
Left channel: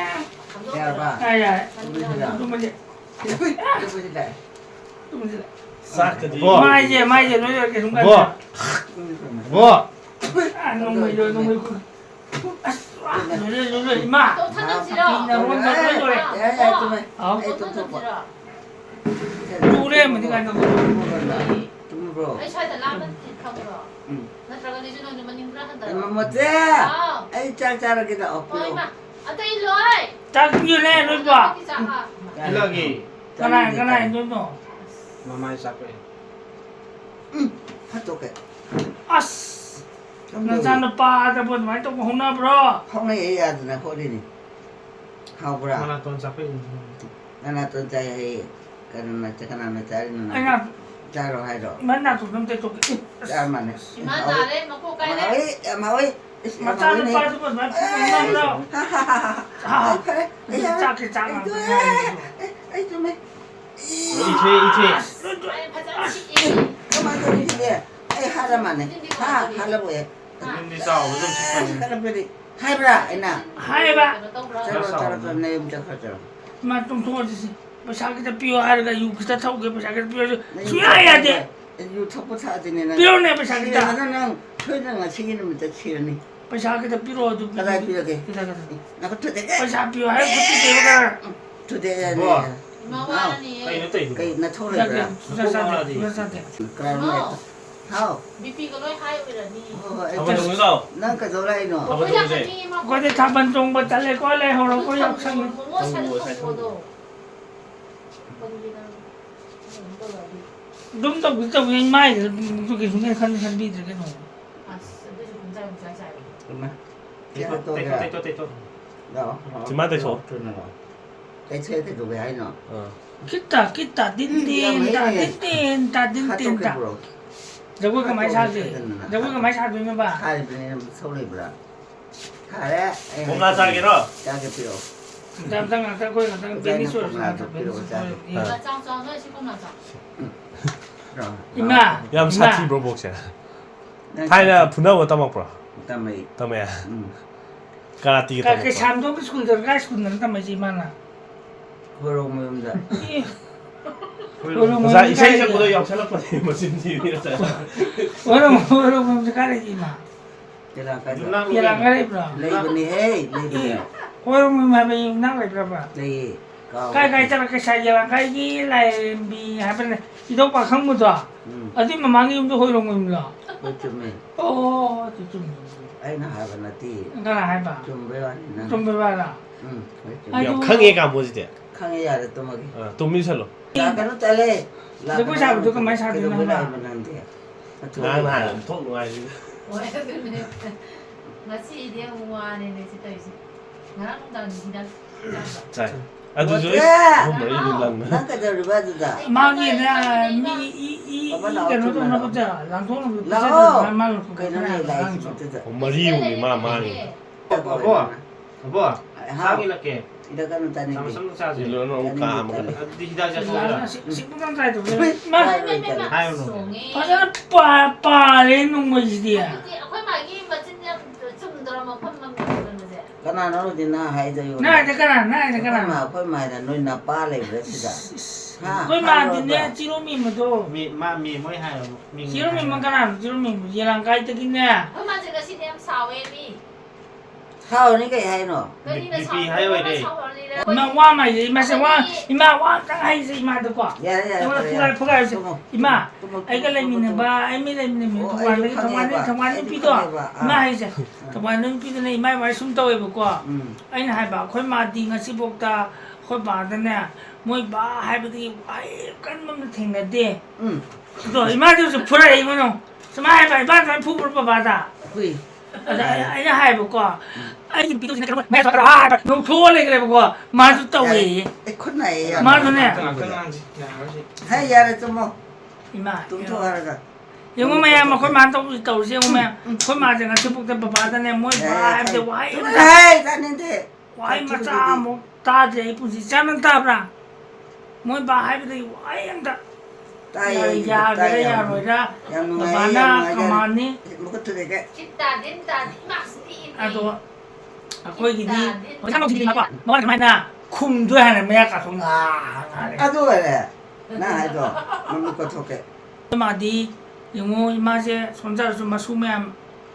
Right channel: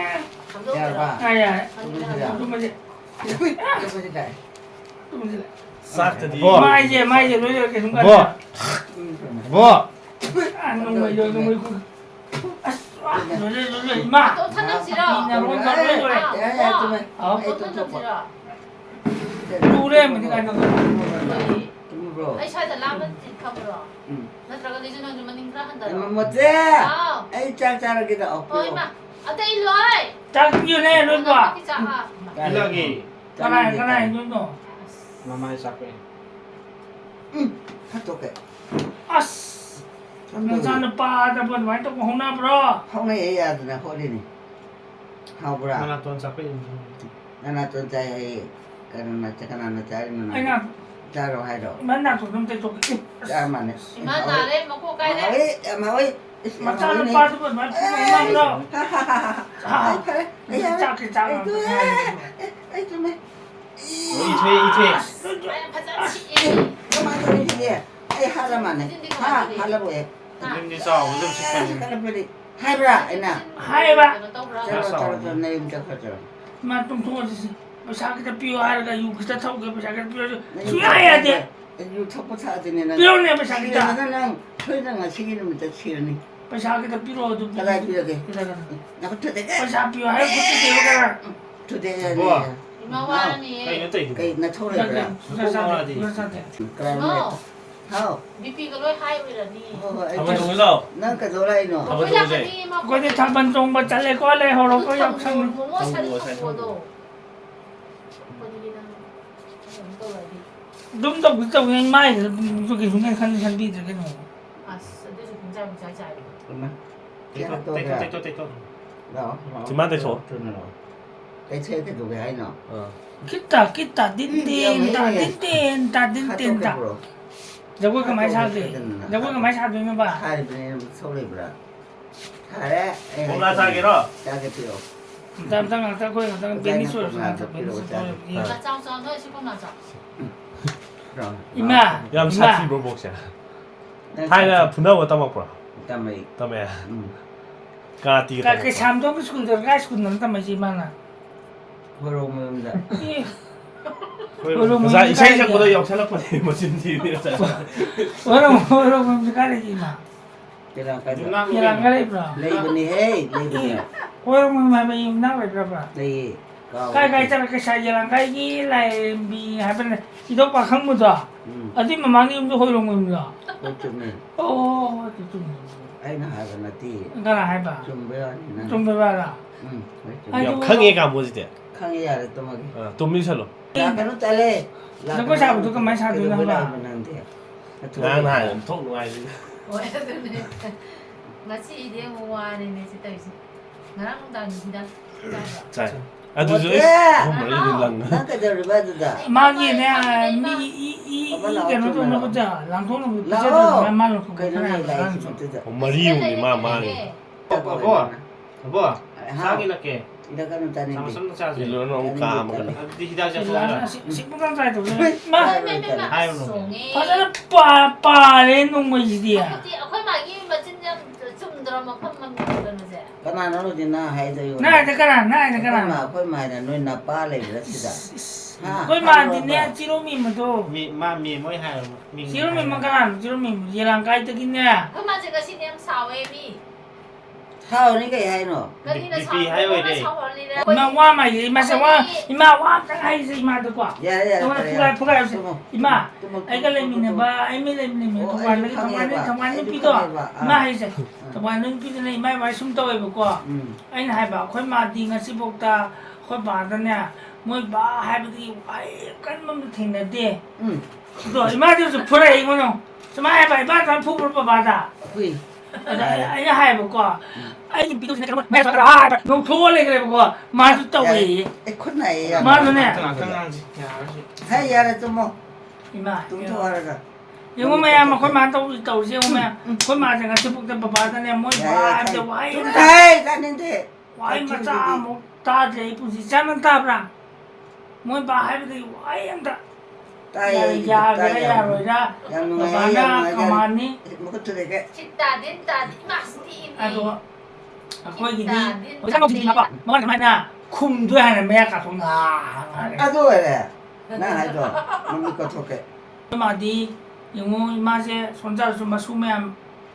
야 봐. 아야. 누구시다? 누구지? 누구시다? 누구지? Xác thì đi. Vâng. 마이제 너 이렇게 좀 Vâng. Vâng. 안 넘어 이거 넘어 이거. 너 이마. 또 탄덕지러 야야 좀 해. 어? 또 탄덕지러 누구래 뭐 내가 이거. 누구? 아이 차에다 라면 컵으로 나트라가 리즈는 좀 만인가 한다 못해. 아 아이 짝짝하기도 어이 없고. 마 아따 일로이 딱 비네 너 봐. Lagi. 가나 너. Mama sak vậy. 핫도그. 아스. 나잖아 빠다 본 많이 또 혼나 브로. 홍에 해야 되나 호리니. 하우브라. Mana ton sak vậy. 나나 또 자해. 그런 나 잠깐 나 자리는. 아니야. 자로 하이로. 맨날 좀 또. 자만해. 이만나래 먹고 가야 마위. 나잖아 빠다 본 많이 혼나 브로. 아이 팔에. 짝게 짝아. 아이 좀 해. 이제. 그만 좀 해. 아이 하라만해. 하라고해. Đi sau với dân xích. 하라베리. 하이브라 이나. 하이바. 자로 내 임자 가져. 마좀 도와주시. 뭐 자기들 비워하니까 이거 타고 그 자기들 비워. 수야해야 돼. 이거 첩보 사진에는. 비워내 뭐 자기들. 나는 표정을 시키는 것도 치르니. 뭐 자기들 비워도. 나가 비워게. 그래. 나가 투대가. 뭐 자 비워해 그때 대거라. 투대가. Ủa? 이마와니 Đây nó tỉnh. cái nó thôi rồi. 자기 수사한테 수사한테. 그러면 하오. 미피가 로이 하이브라니 Không phải đúng đâu. 난 그 노래이 너. Không phải đúng gì. 거기 잠깐 좀뭐 잘래 거래 하러 거 역상. 뭐 사는 거도 눈도 밑에 왜 많이 저기 중에 간 산비 저기 뭐. 아 근데 좀 굉장히 자자해 그러면. Tết 제가 또 tốt, 그래. Tết tốt, Tết tốt. 너. Chỉ mang tay số. cái xe thì đủ hay nó. 기타 딘딘다. 저거가 많이 사지. 저거가 많이 사주면 봐. hai bên 서울에 보라. 하래. Hôm nay ra cái đó. 짜게 필요. 담당 거기 담당 베니스로 나 짱짱 너 싶으면 자 그럼. 이마. Làm sao thì bro box à? 타이나 분하고 따먹고 Tamai. 따메 가티 Cái xăm đó cái school đó cái school nó tao mà gì mà nè. Kurang munda. 그래서 이 생각보다 역설락까지 멋진 팀이가 잘 Orang cái này gì mà. Kira ka. Cái là cái này bro. Lay bani hey, lay bani. Orang mà bây năng lại bro. Lay. Cái chắc cái sai là cái gì lại bị hai bên này. Chỉ đâu phải không được. Ở đây mà mang đi không hồi lòng mình rồi. Chum ni. Ô, thì chum. Ai na ha bana ti. Cái là hai bà. Chum be wa ni na. Chum về bà là. 역항해가 뭐지? Khang ya to magi. 또 밀살로 Ya ka no tale. Nếu có sao thì tôi có mấy sao thì nó mà. 나나 통 아니 Ngasi dia huwa ni si tahu si. Ngarang tahu ni tidak. 자 아주 저 머리 랑 Nang ka da riba da. Mang gì nè, cái nó có chả, làm không được. Lao. Cái nó này lại thì 머리 우리 마마니 여보 사기할게 Ida ka no tani. 삼삼 사지 일로는 오까 먹는 디다자 Là 소리야 sĩ cũng đang dạy tụi mà. 아유 Có rất là bà lên nung người gì à? Aku lagi macam macam drama apa macam tu je. Kana no di na hai da yo. Này thì cái này. Ma khoi mai na noi na pa le ra ti da. Ha. Cái mà thì nè, chỉ lo mình mà thôi. 미 뭐이 하요 미 Chỉ lo mình mà cái nào, chỉ lo mình gì làm cái tự nhiên nè. Aku macam kasi dia sawe ni. Khao ni kai hai no. 비비 하요 이래 Mà qua mày gì mà sao qua, mà qua cái hay gì mà được quá. Ya ya. Nó phụ cái mà ấy cái lên mình ba ấy mới lên mình thằng quan đi đó mà hay sao thằng quan đứng phi này mà phải sung tôi vừa qua anh hai bà khối mà đi ngay bốc ta khối bà đó nè mỗi bà hai bà đi ai cái mà mình thình là đi rồi mà tôi phụ lại cái nó mà hai bà phải phụ của bà ta Hui. anh hai bà qua anh bị tôi cái mẹ sao nó khô lên cái bà mà tôi tao gì Ai khôn này ya. mà thế nè Hai ya ra tumo. mà Tum to ara da. yung maya mo khối mà tao siya maya khối mà chẳng hạn bốc ta bà ta nè mỗi bà em đều quay Hai ta nin de. quay mà cha một ta thì cũng chỉ cha nó ta ra mỗi bà hai cái quay anh ta Ta rồi ya. già cái già rồi ra Yang bà ngai na yang cầm ngai. ăn đi Mo ko tu de ke. Kita dinta maksud à ini. rồi aku lagi di我看到几个我看看那空对还是没搞通啊 Adu re. Na hai do. Mo ko to ke. mà đi yung mà sẽ son ra số mà số mẹ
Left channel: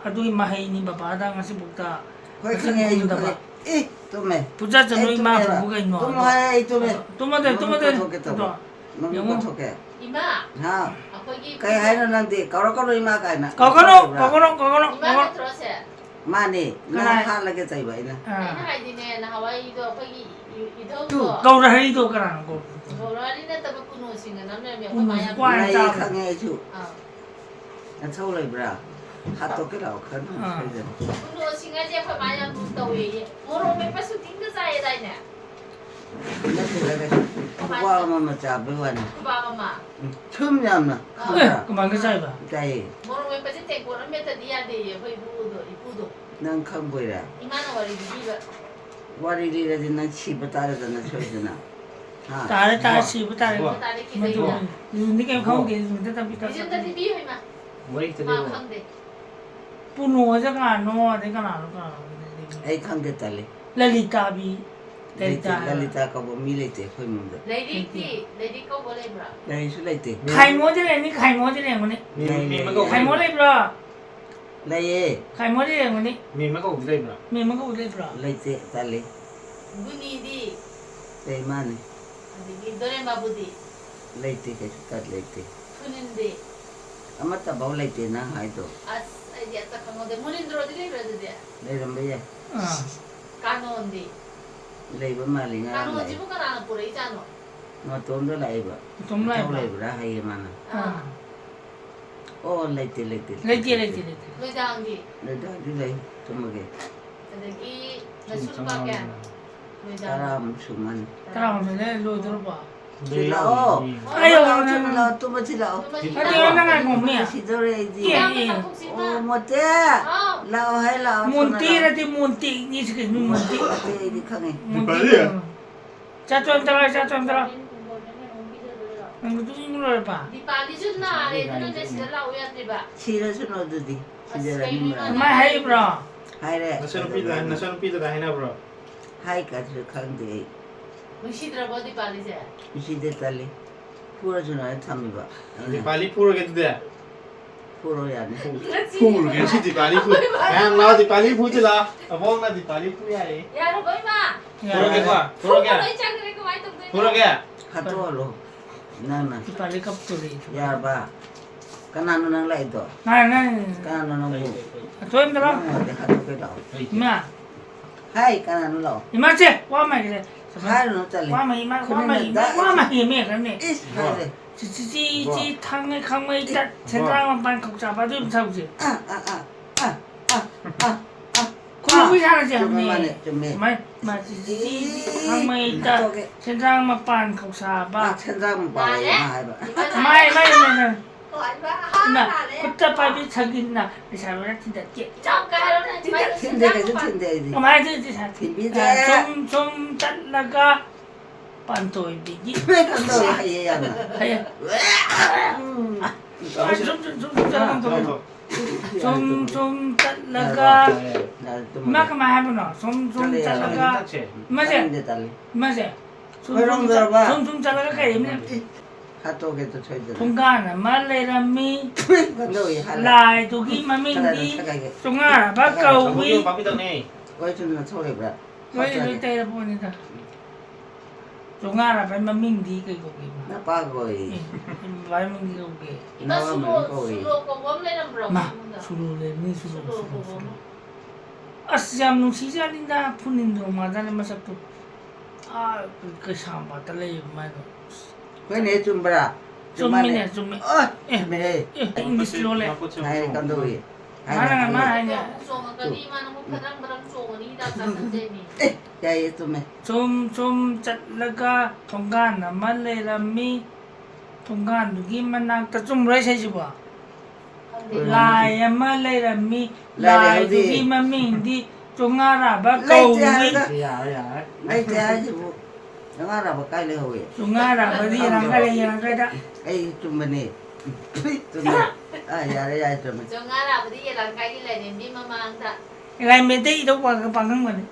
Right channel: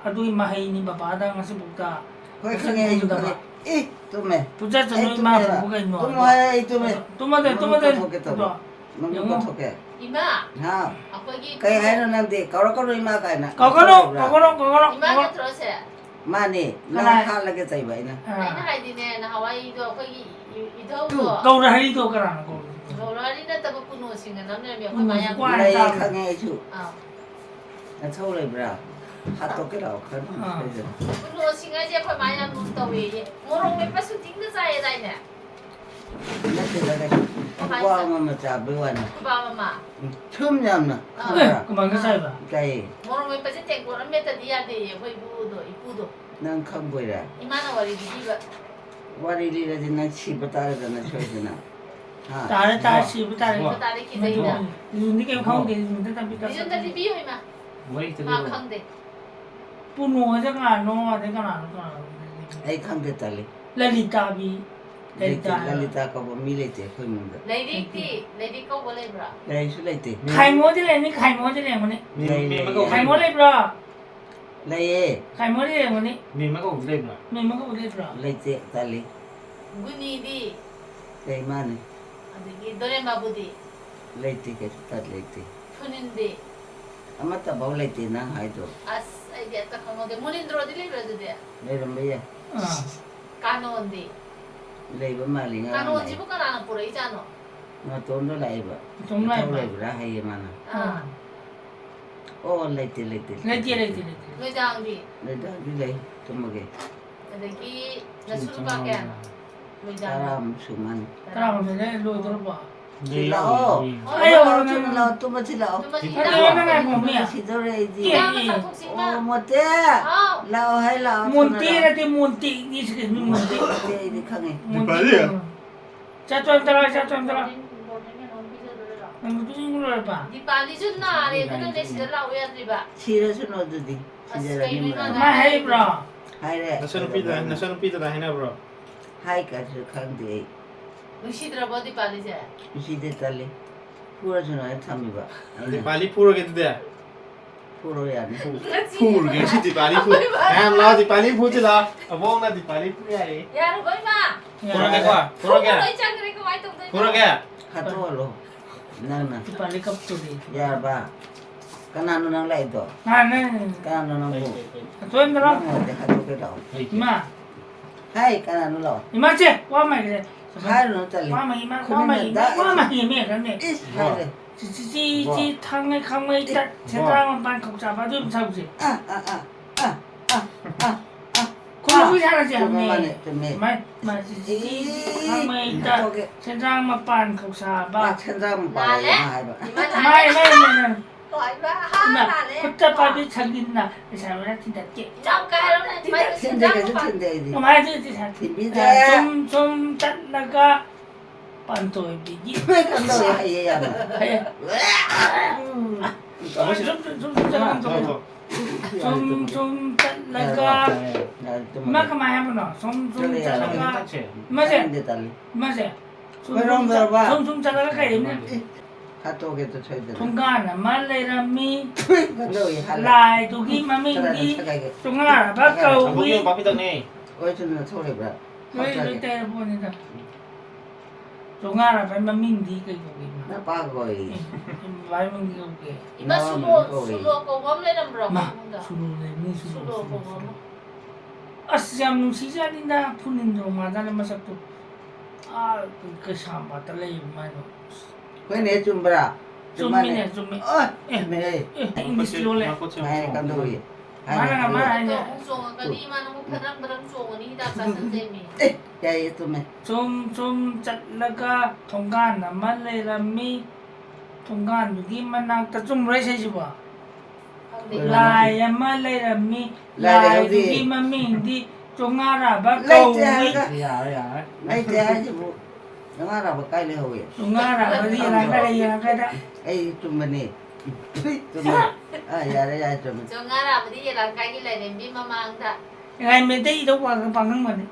adu mà hay ni bà da ngasi bukta Khoi khang ye yu ke. Eh, tu me. puja chano mà phụ cái Tu mo nó hai tu me. tu mà đây Mo ko to ke. Ima, Ha. aku lagi. Kai hai no nang de. Ka ro ma kai na. có nó Ima terus ya. Ma ni. Na ha la ke tai bai na. Ini hai di ni, nah Hawaii tu aku lagi itu Tu. tu. câu ra hay đâu cái nào cô Orang ni dah tak penuh sini, namanya biar aku bayar. Wah. Lai khang ye chu. Ah, Na thau lai bra. Ha to ke lao khan. penuh sini aja aku bayar tahu ye. Orang ni pasti tinggal saya dah ni. Na te la ke. Wa ma ma cha be wa ni. Bapa mama. Chum nyam na. Khang ra. bằng cái sai ba Kai. Orang ni pasti tengok orang meta dia deh, aku ibu tu. Nang khang boi ra. Imana wari di ba? Wari ri ra din na chi bata ra na choi na. Ha. ta chỉ với ta Tadi kita ini. những cái không thì mình ta bị Ini tadi biu ima. 머리 Ma 들고 khang deh. puno chắc là nó thế cái nào Ai khang de ta le. lalita bi lalita Lalita ka bo mi le te khoi mun da. Lady kau boleh bra. Lai su lai te. khai múa thế này khai múa thế này mà này khai múa đây bro Lai ye. khai múa thế này mà này 미마가 우리가 mình mới có đây bro Lai te ta le. Buni di. Lai ma ni. Di dore ma budi. Lai te ke ta lai te. Kunin di. Amata ba lai te na hai do. As dia tak kamu deh. Munin dro di bra dia. Lai ram be ya. Kanon di. Lai ba ma li nga Kanon lai. ji bukan anak pura ijano. Ma ton do lai ba. chúng Thau lai này bra hai ma na. Ah, Oh lai te lai te. lấy tiền lu jangan di. Lai da di lai. Tum ge. Jadi nasul pakai. Lu jangan. Taram suman. ta làm mình đây lôi tôi bỏ Ti la o. Ayo, Tu la tu ma ti la o. cái đó nó ngay ngủ mẹ Si do re di. Iya, iya. Oh mo te. Oh, Lao hai lao. munti là thì munti như thế cái munti Te di khang e. munti cha cho anh ta ini 뭐 뚱이로 봐. 디팔리 준나래 너네 시절 나오야 돼봐. 싫어서 너도디. 진짜라 님라. 마 해브라. 하이래. 나서는 삐다 해나 브로. 하이까지 간대. 무시들어 뭐 디팔리제. 시대 달리. 풀어주나 참이봐. 디팔리 풀어게 돼. 풀어야 돼. 풀 괜히 디팔리 풀. 양 라 디팔리 풀지라. 어몽나 디팔리 풀이야래. 야로 뭐이마. 풀어게 봐. 풀어게. 장그래 그 와이 동생. 풀어게. 하토로. 나나. 빨리 갑자기. Ya ba. Kanano nang lai to? 나는 Kanano nang bu? 좋은데라. Ang de hato ke daw. 이마. Hai kanano lo? 이마지. 와마 이제. Hai no tali. 와마 이메 그러네. Is hai. 지지지 탕에 강에 있다. 제대로 반 잡아도 잡지. 공부 잘하지 Cuma 않니? mane teme. 지지지 강에 있다. 제대로 반 잡아. Ba chendam ba ya hai ba. 마이 hỏi ba 나 ha nè. 그때 밥이 자기나 사람을 진짜 깨. Trong cái đó này mấy cái Tende ke tende di. 마이 진짜 Timbi de. 좀 잘라가 반도에 비기. Me kan do ya ye ya na. 좀 잘라가 Na tu mo. 마카 마하구나. 좀 잘라가 맞아. Tende tali. 맞아. Merong berapa? 좀 잘라가 가야 Hato ke to choi de. 동간 말레라미 Kan do ya hala. 라이 두기 마밍디 동아 바까우기 바삐다네. Oi chun na thoi ba. 왜 이때 보니까 동아라 마밍디 그거기 Na pa goi. 마밍디 그게 Nó sulu cổ bấm lên làm rộng. 마 술을 내 술을 아시암 시자린다 푸닌도 마다네 마삭도 아그 샤마 달래 마노 Koi ne chum bra. 좀미네 좀미 Oh, me. 잉글리시로 래 Hai kan do ya. 말하나 말하냐 Xuống cái đi mà nó không phải đang đâm xuống đi đạp sang cái dây mình. Ya itu me. 좀 잘라가 동간 말레라미 동간 누기 만나다 좀 레세지 봐 라야 말레라미 라이 누기 마밍디 종아라 바까우기 Ai te ai bu. Yang ara ba kai le hoye. 종아라 버리나 가래야 가다 Ai chum me. Chum me. Ah ya ya chum me. Cho ngã nào đi là cái này đến đi mà mang ta. 라이 메데이 도 와가 방금 말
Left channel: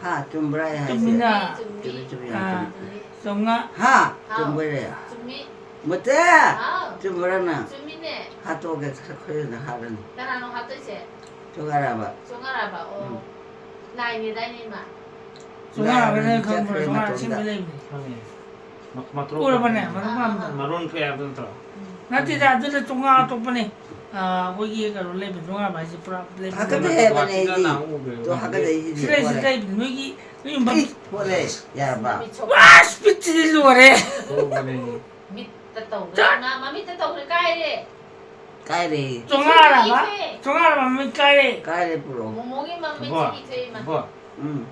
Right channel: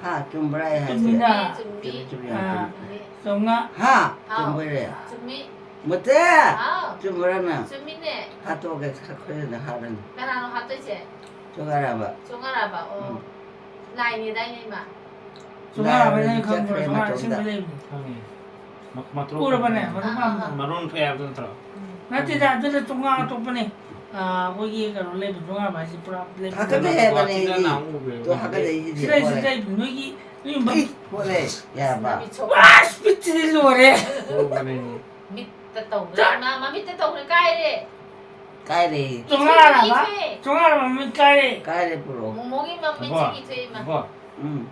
Ha chum bra ya. 좀이나 Chum ya. 종아 Ha chum bra ya. Chúng mi. Mate. À. Chum bra na. Chúng mi nè. Ha to ke khoi na ha ran. Cái nào nó học tới sẽ. Chum ara ba. Cho ngã nào bảo ô. Này này đây này mà. 종아라 버리나 종아라 심들레 오라버네 마론 페아든 더. 나한테 다들 종아 똑바네 거기 가로 레벨 종아 맛이 프로블렘 Ha ka be ba ne di. To ha ka de di. 스트레스 여기 뭐 Boleh. Ya ba. 아, 스피치를 노래. Mít ta tổng ra mà mít ta tổng là cay đi. Kai de. 종아라 미까리. Kai de puro. Mỗi mà mít 뭐? chỉ thuê mà. 뭐?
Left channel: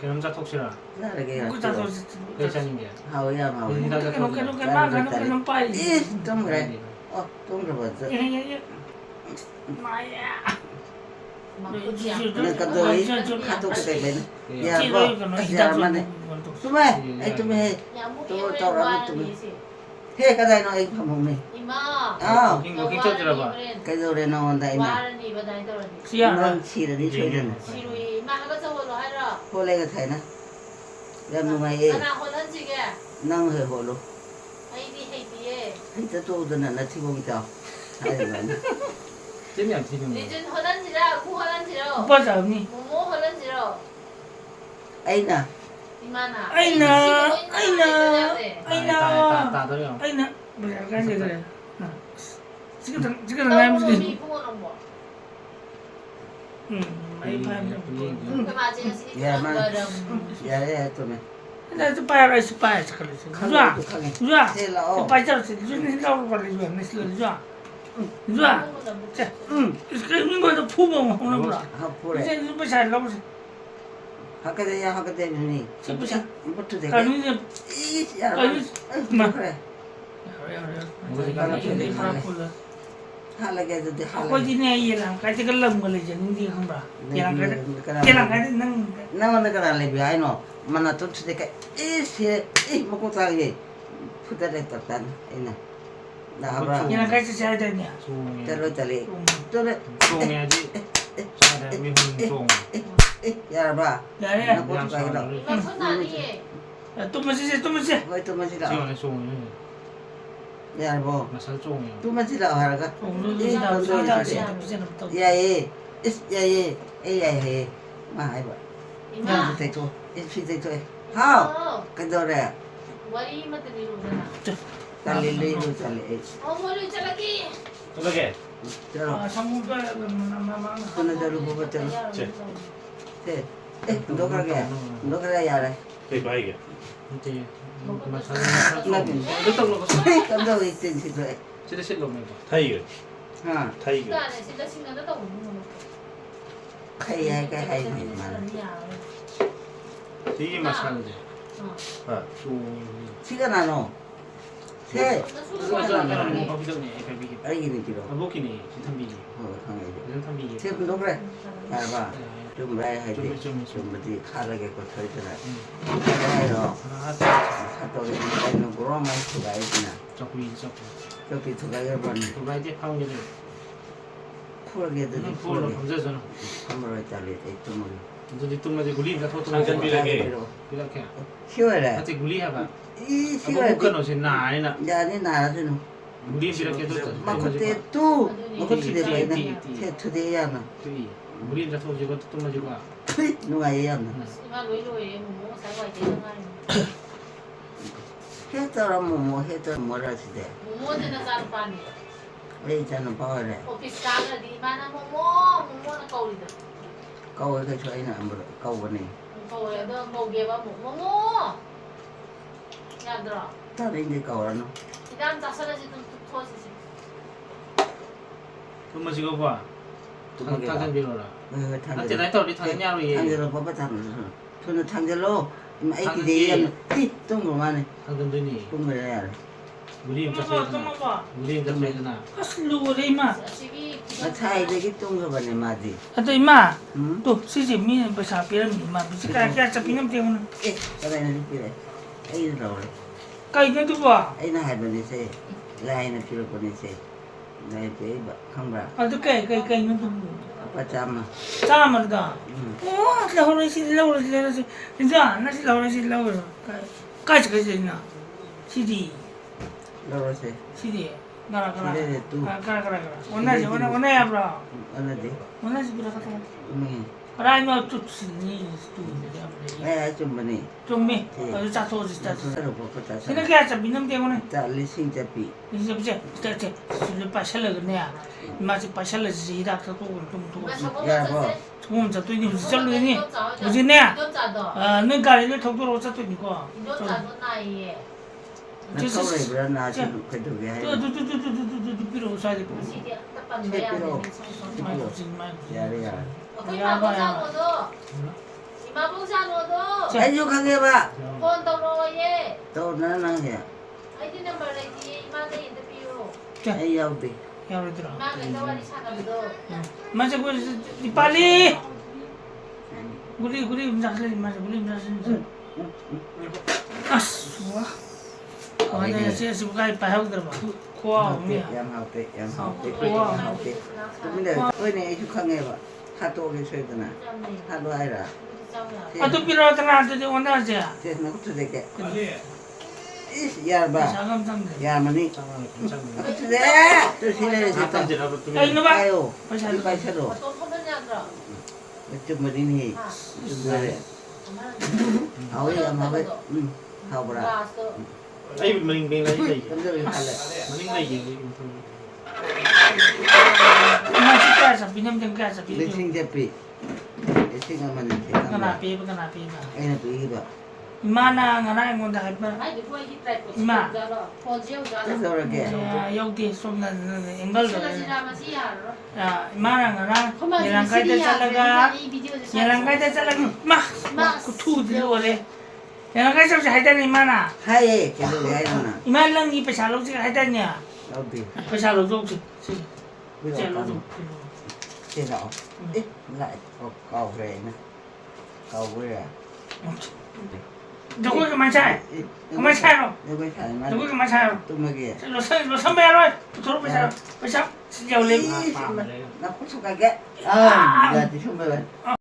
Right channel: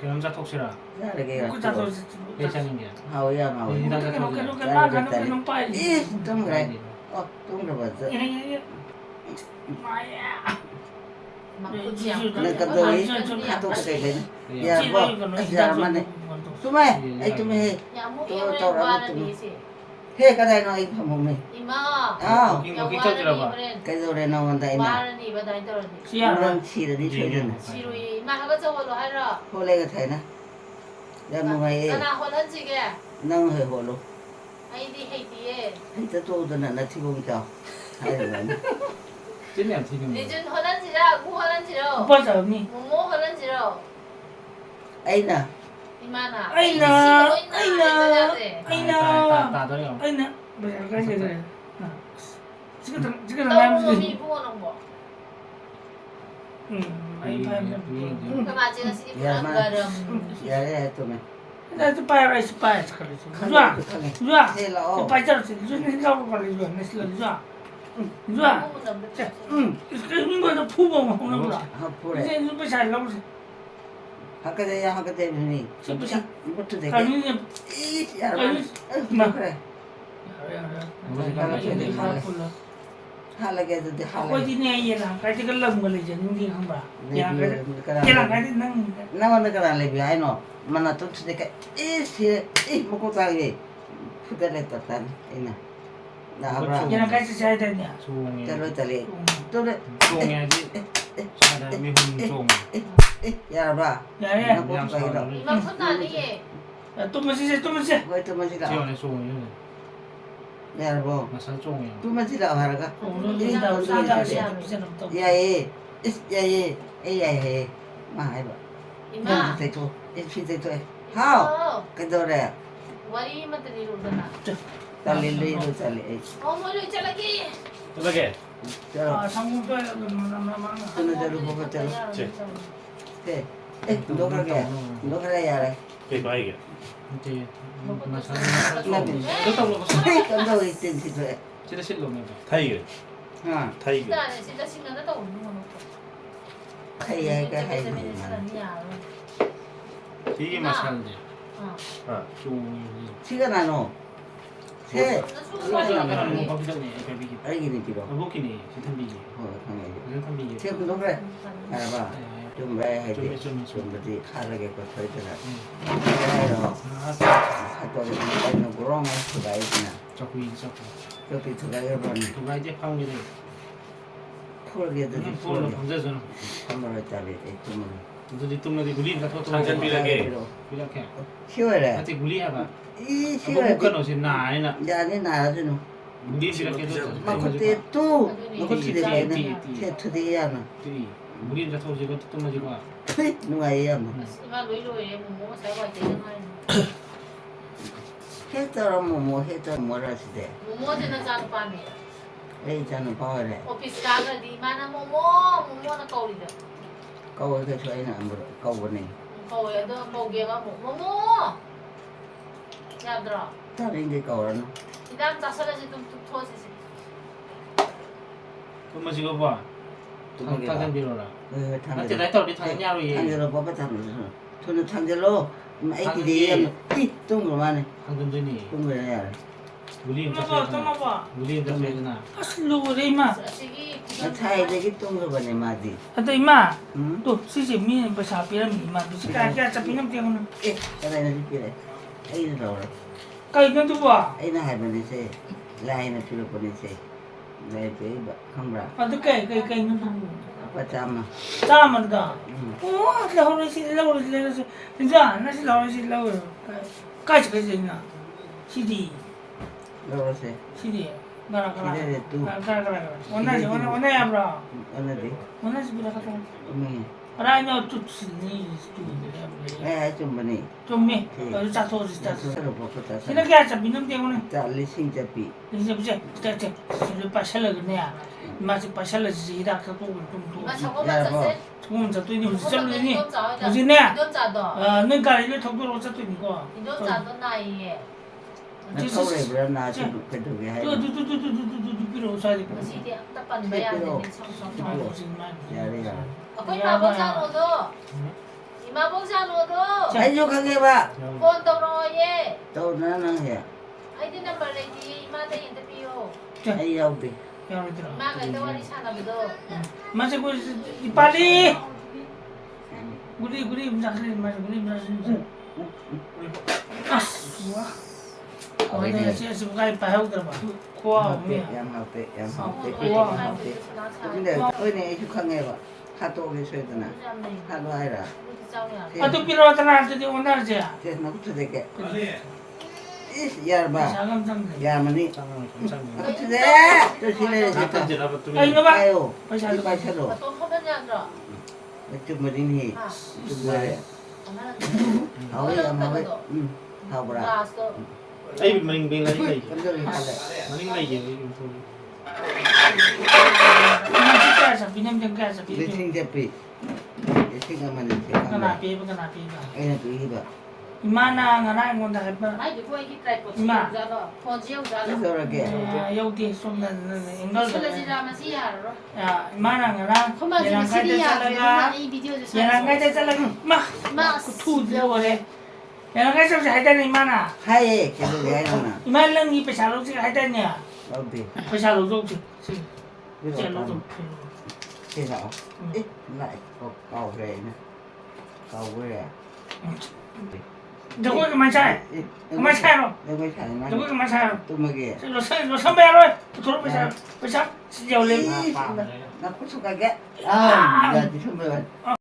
그 남자 톡시라. Ya de ke ya. 구자도 회장인 게. Ha ya ma. 그렇게 막아놓고는 빨리. Ih, tum rai. Oh, tum ra ba. 마야. Nên cần rồi hát tôi cái này ya bo ya mane tume ai tume Nhà mua tôi yêu cho lên ra qua tume đi xí. he cái này nó ai không mong này Ima. à 킹거 킹터지라 봐. cái rồi đây nó còn đây nè Qua đi vào đây rồi. 시야. nó chỉ là đi chơi rồi nè Xí mà có cho hồ hay rồi. hồ lên cái thầy nè đem nó ngay Cái nào hồ lên gì kìa. năng hơi hồ luôn Hay đi. hay ta tôi tôi là thi công chào hay là vậy 찐이 안 튀는 Đi trên hồ lên gì ra, khu hồ lên gì đâu. 오빠 잡니? Mua hồ lên gì đâu. ấy nè Ima na. 아이나. 따더요. 아이나. 뭐야 가지 그래. 지금 Đâu làm mua gì? mì mua đồng bộ. 많이 파는. Cái mà chỉ là xí ya gà mà đầm. ya ya tume 나도 빠야 스파야 잠깐. khăn 좋아. khăn 좋아. thế là ô 오빠 잡았어. 무슨 생각을 걸리지 않았어. 좋아. 좋아. 자, 이거도 부모 먹는구나. học pure 이제 이거 잘 넘어. học cái đây học cái đây này 씹으셔. bắt được cái 가면은 ít ya mà k래 hala cái gì hala 어디네 얘랑 같이 걸럼 걸리지 누구 한다. 얘랑 같이 얘랑 같이 난 năng nó cái là lấy ai nó mà nó tốt thì cái ít thì ít một con trai gì 푸드를 떴단 이나 나가 얘는 같이 자야 되냐? 저러저리 또래 종해야지. 사람이 혼종. 야봐 야래. 나 고추가 이러 이만 손 아니에. 또 마시세, 또 마시. 왜또 마시라 지원의 종이. 야보 마살 종이야. 또 마시라 하라가 오늘도 사다 비싸는 또. 야예 야예 야예 마 해봐 이마. 야 대토 일피 대토 하오 그도래 와리만 들이로잖아. 달릴리로 달리 어머니 잘라기. 어떻게? 저러 아, 상무배 저는 저러 보고 저러 네 너그러게 너그래 야래 이거 이게. 이제 마살 종. 나빈 그렇다고 그러고. 깜짝 있던 시도에 진짜 실로 먹어. 타이거. 하 타이거. 진짜 진짜 신경도 못 먹어. 하이야가 하이만 이게 마살인데. 아, 종이. 시간 안 오. 세 그거잖아. 뭐 거기서네. 별비기. 알기는 길어 아보기네. 진탐비기. 강해지 무슨 탐비기? 지금 너그래 알바 좀 왜 해야지 좀 좀 뭐지 하르게 거 터지나 해요 사또리 있는 그런 수가 있나 자꾸 이 자꾸. 여기 두가 여번 누가 이제 파운드를 풀게도 풀로 감자잖아. 한번 짜리 좀 너도 뚱마디 구리 같은 거 당장 빌려게. 이렇게. 쉬워래 같이 구리 해봐. 이 아뭐 쉬워래 북한 옷이 나 아니나. 야니 나라서는 구리 이렇게 도. 막 그때 또 그때 봐야 돼 투데이야나 구리 같은 옷 이거 뚱마디 봐. 누가 해야 수가 로이로에 뭐 살고 있는 해더라면 뭐 해더 뭐라 시대 모모는 자는 빠네. 왜 있잖아 봐래 오피스 가가 디마나 모모는 거울이다. 거울 그 저희는 안 물어 거울네 거울에도 뭐게가 모모. 야들아. 다른 게 거울은 이단 자살하지 좀 토스지. 그럼 지금 봐. 당장 빌어라. 탕 나한테 나이트 우리 당장야로 예. 탕제로 봐봐 탕제로 저는 탕제로 애기 대야 이 동그만해 당장 되니. 동그래야 우리 인자 세잖아. 우리 인자 세잖아. 슬로우 레이마. 시기 나 차에 되게 동그만해 맞지 아또 이마. 응? 또 시지 미 버사 비람 이마. 비스카야 잡히는 때문에. 에 그다음에 이제 애기 나오래 까이는 또 봐. 애나 할머니세 라인을 줄여 보내세 나의 베이바 강라 아또 까이는 또. 아빠 잠아 짜만 가. 응 와, 라오르시. 진짜 나시 라오르시 라오르. 까지 있나. 시디. 러러세 시디. 가라. 시대에 또 가라. 원나야 브라. 어느디 원나지 브라 가자. 응 라이너 또 쓰니 스투디오. 에좀 보니 좀미. 어디 자소지 자소. 서로 보고 자 근데 그게 참 민음 때문에 자 리싱 잡비 이제 보자. 진짜 술 빠샬러 그냥. 마치 빠샬러 지다 갖고 좀 좀 저 또니 진짜 그러니. 어디냐? 아, 내가 이제 독도로 왔다 니까. 이도 자도 나이에. 나 서울에 불었나 지금 그래도 왜 해? 또 필요 없어야 돼. 시디 딱반 내야 되는 야래야 거기 마보자노도 이마보자노도 해주하게 봐. 폰 돌아오예. 또 나는 해. 아이디 넘버 레디 이마데 인터뷰. 아이 야우디. 야로들아. 이마가 대화리 사나도. 맞아 그 빨리. 우리 맞아 맞아. 아스. 아니 진짜 뭐가 빠하고 들어 봐. 고아 없냐. 양하우디. 근데 어네 해주하게 봐. 하도 오게 sö드나. 하도 아이라. 아또 필요하잖아. 또 원하지. 제가 그것도 되게. 야봐. 자금 상대. 야만이. 감사합니다. 그것도 돼. 또 실례 나 됐다. 탐지라고 또. 아 이거 봐. 아유. 이빨 새로. 또 하면이 아니라. 좀 머리니. 좀 뭐래. 하오이 아마왜. 하오브라. 나왔어. Ay, maling-maling lagi kayo. 감정이 할래. Maling lagi. 맞아. 비념 정가서 비념. 리싱 대피. 리싱하면 돼. 그나 비가. 애는 비기봐. 이마나 ngana ngon da ba. 아이 비고 이 트라이 포. 이마. 포지오 자라. 그래서 그렇게. 여기 somna enggal 실례 da. 지라마 시야로. 야, 이마나 ngana 그만 yang 지금 kada 시리야. talaga. 이 비디오에서 Yang kada talaga. 마. Kutu dia boleh. Yang kada sabsi haidan imana. 하얘 계속 왜 하나. Iman lang ni pasalo si haidannya. 어디? Pasalo dong si. 위로 Pasalo 가면 dong. 제가. 에? lại cầu về nè. cầu về à. 저거 그만 차. 그만 차요. 여기 차는 저거 그만 차요. 또 먹게. 너 선배로 들어보세요. 그죠? 진짜 올림. 나 고추 가게. 아, 야, 네 선배가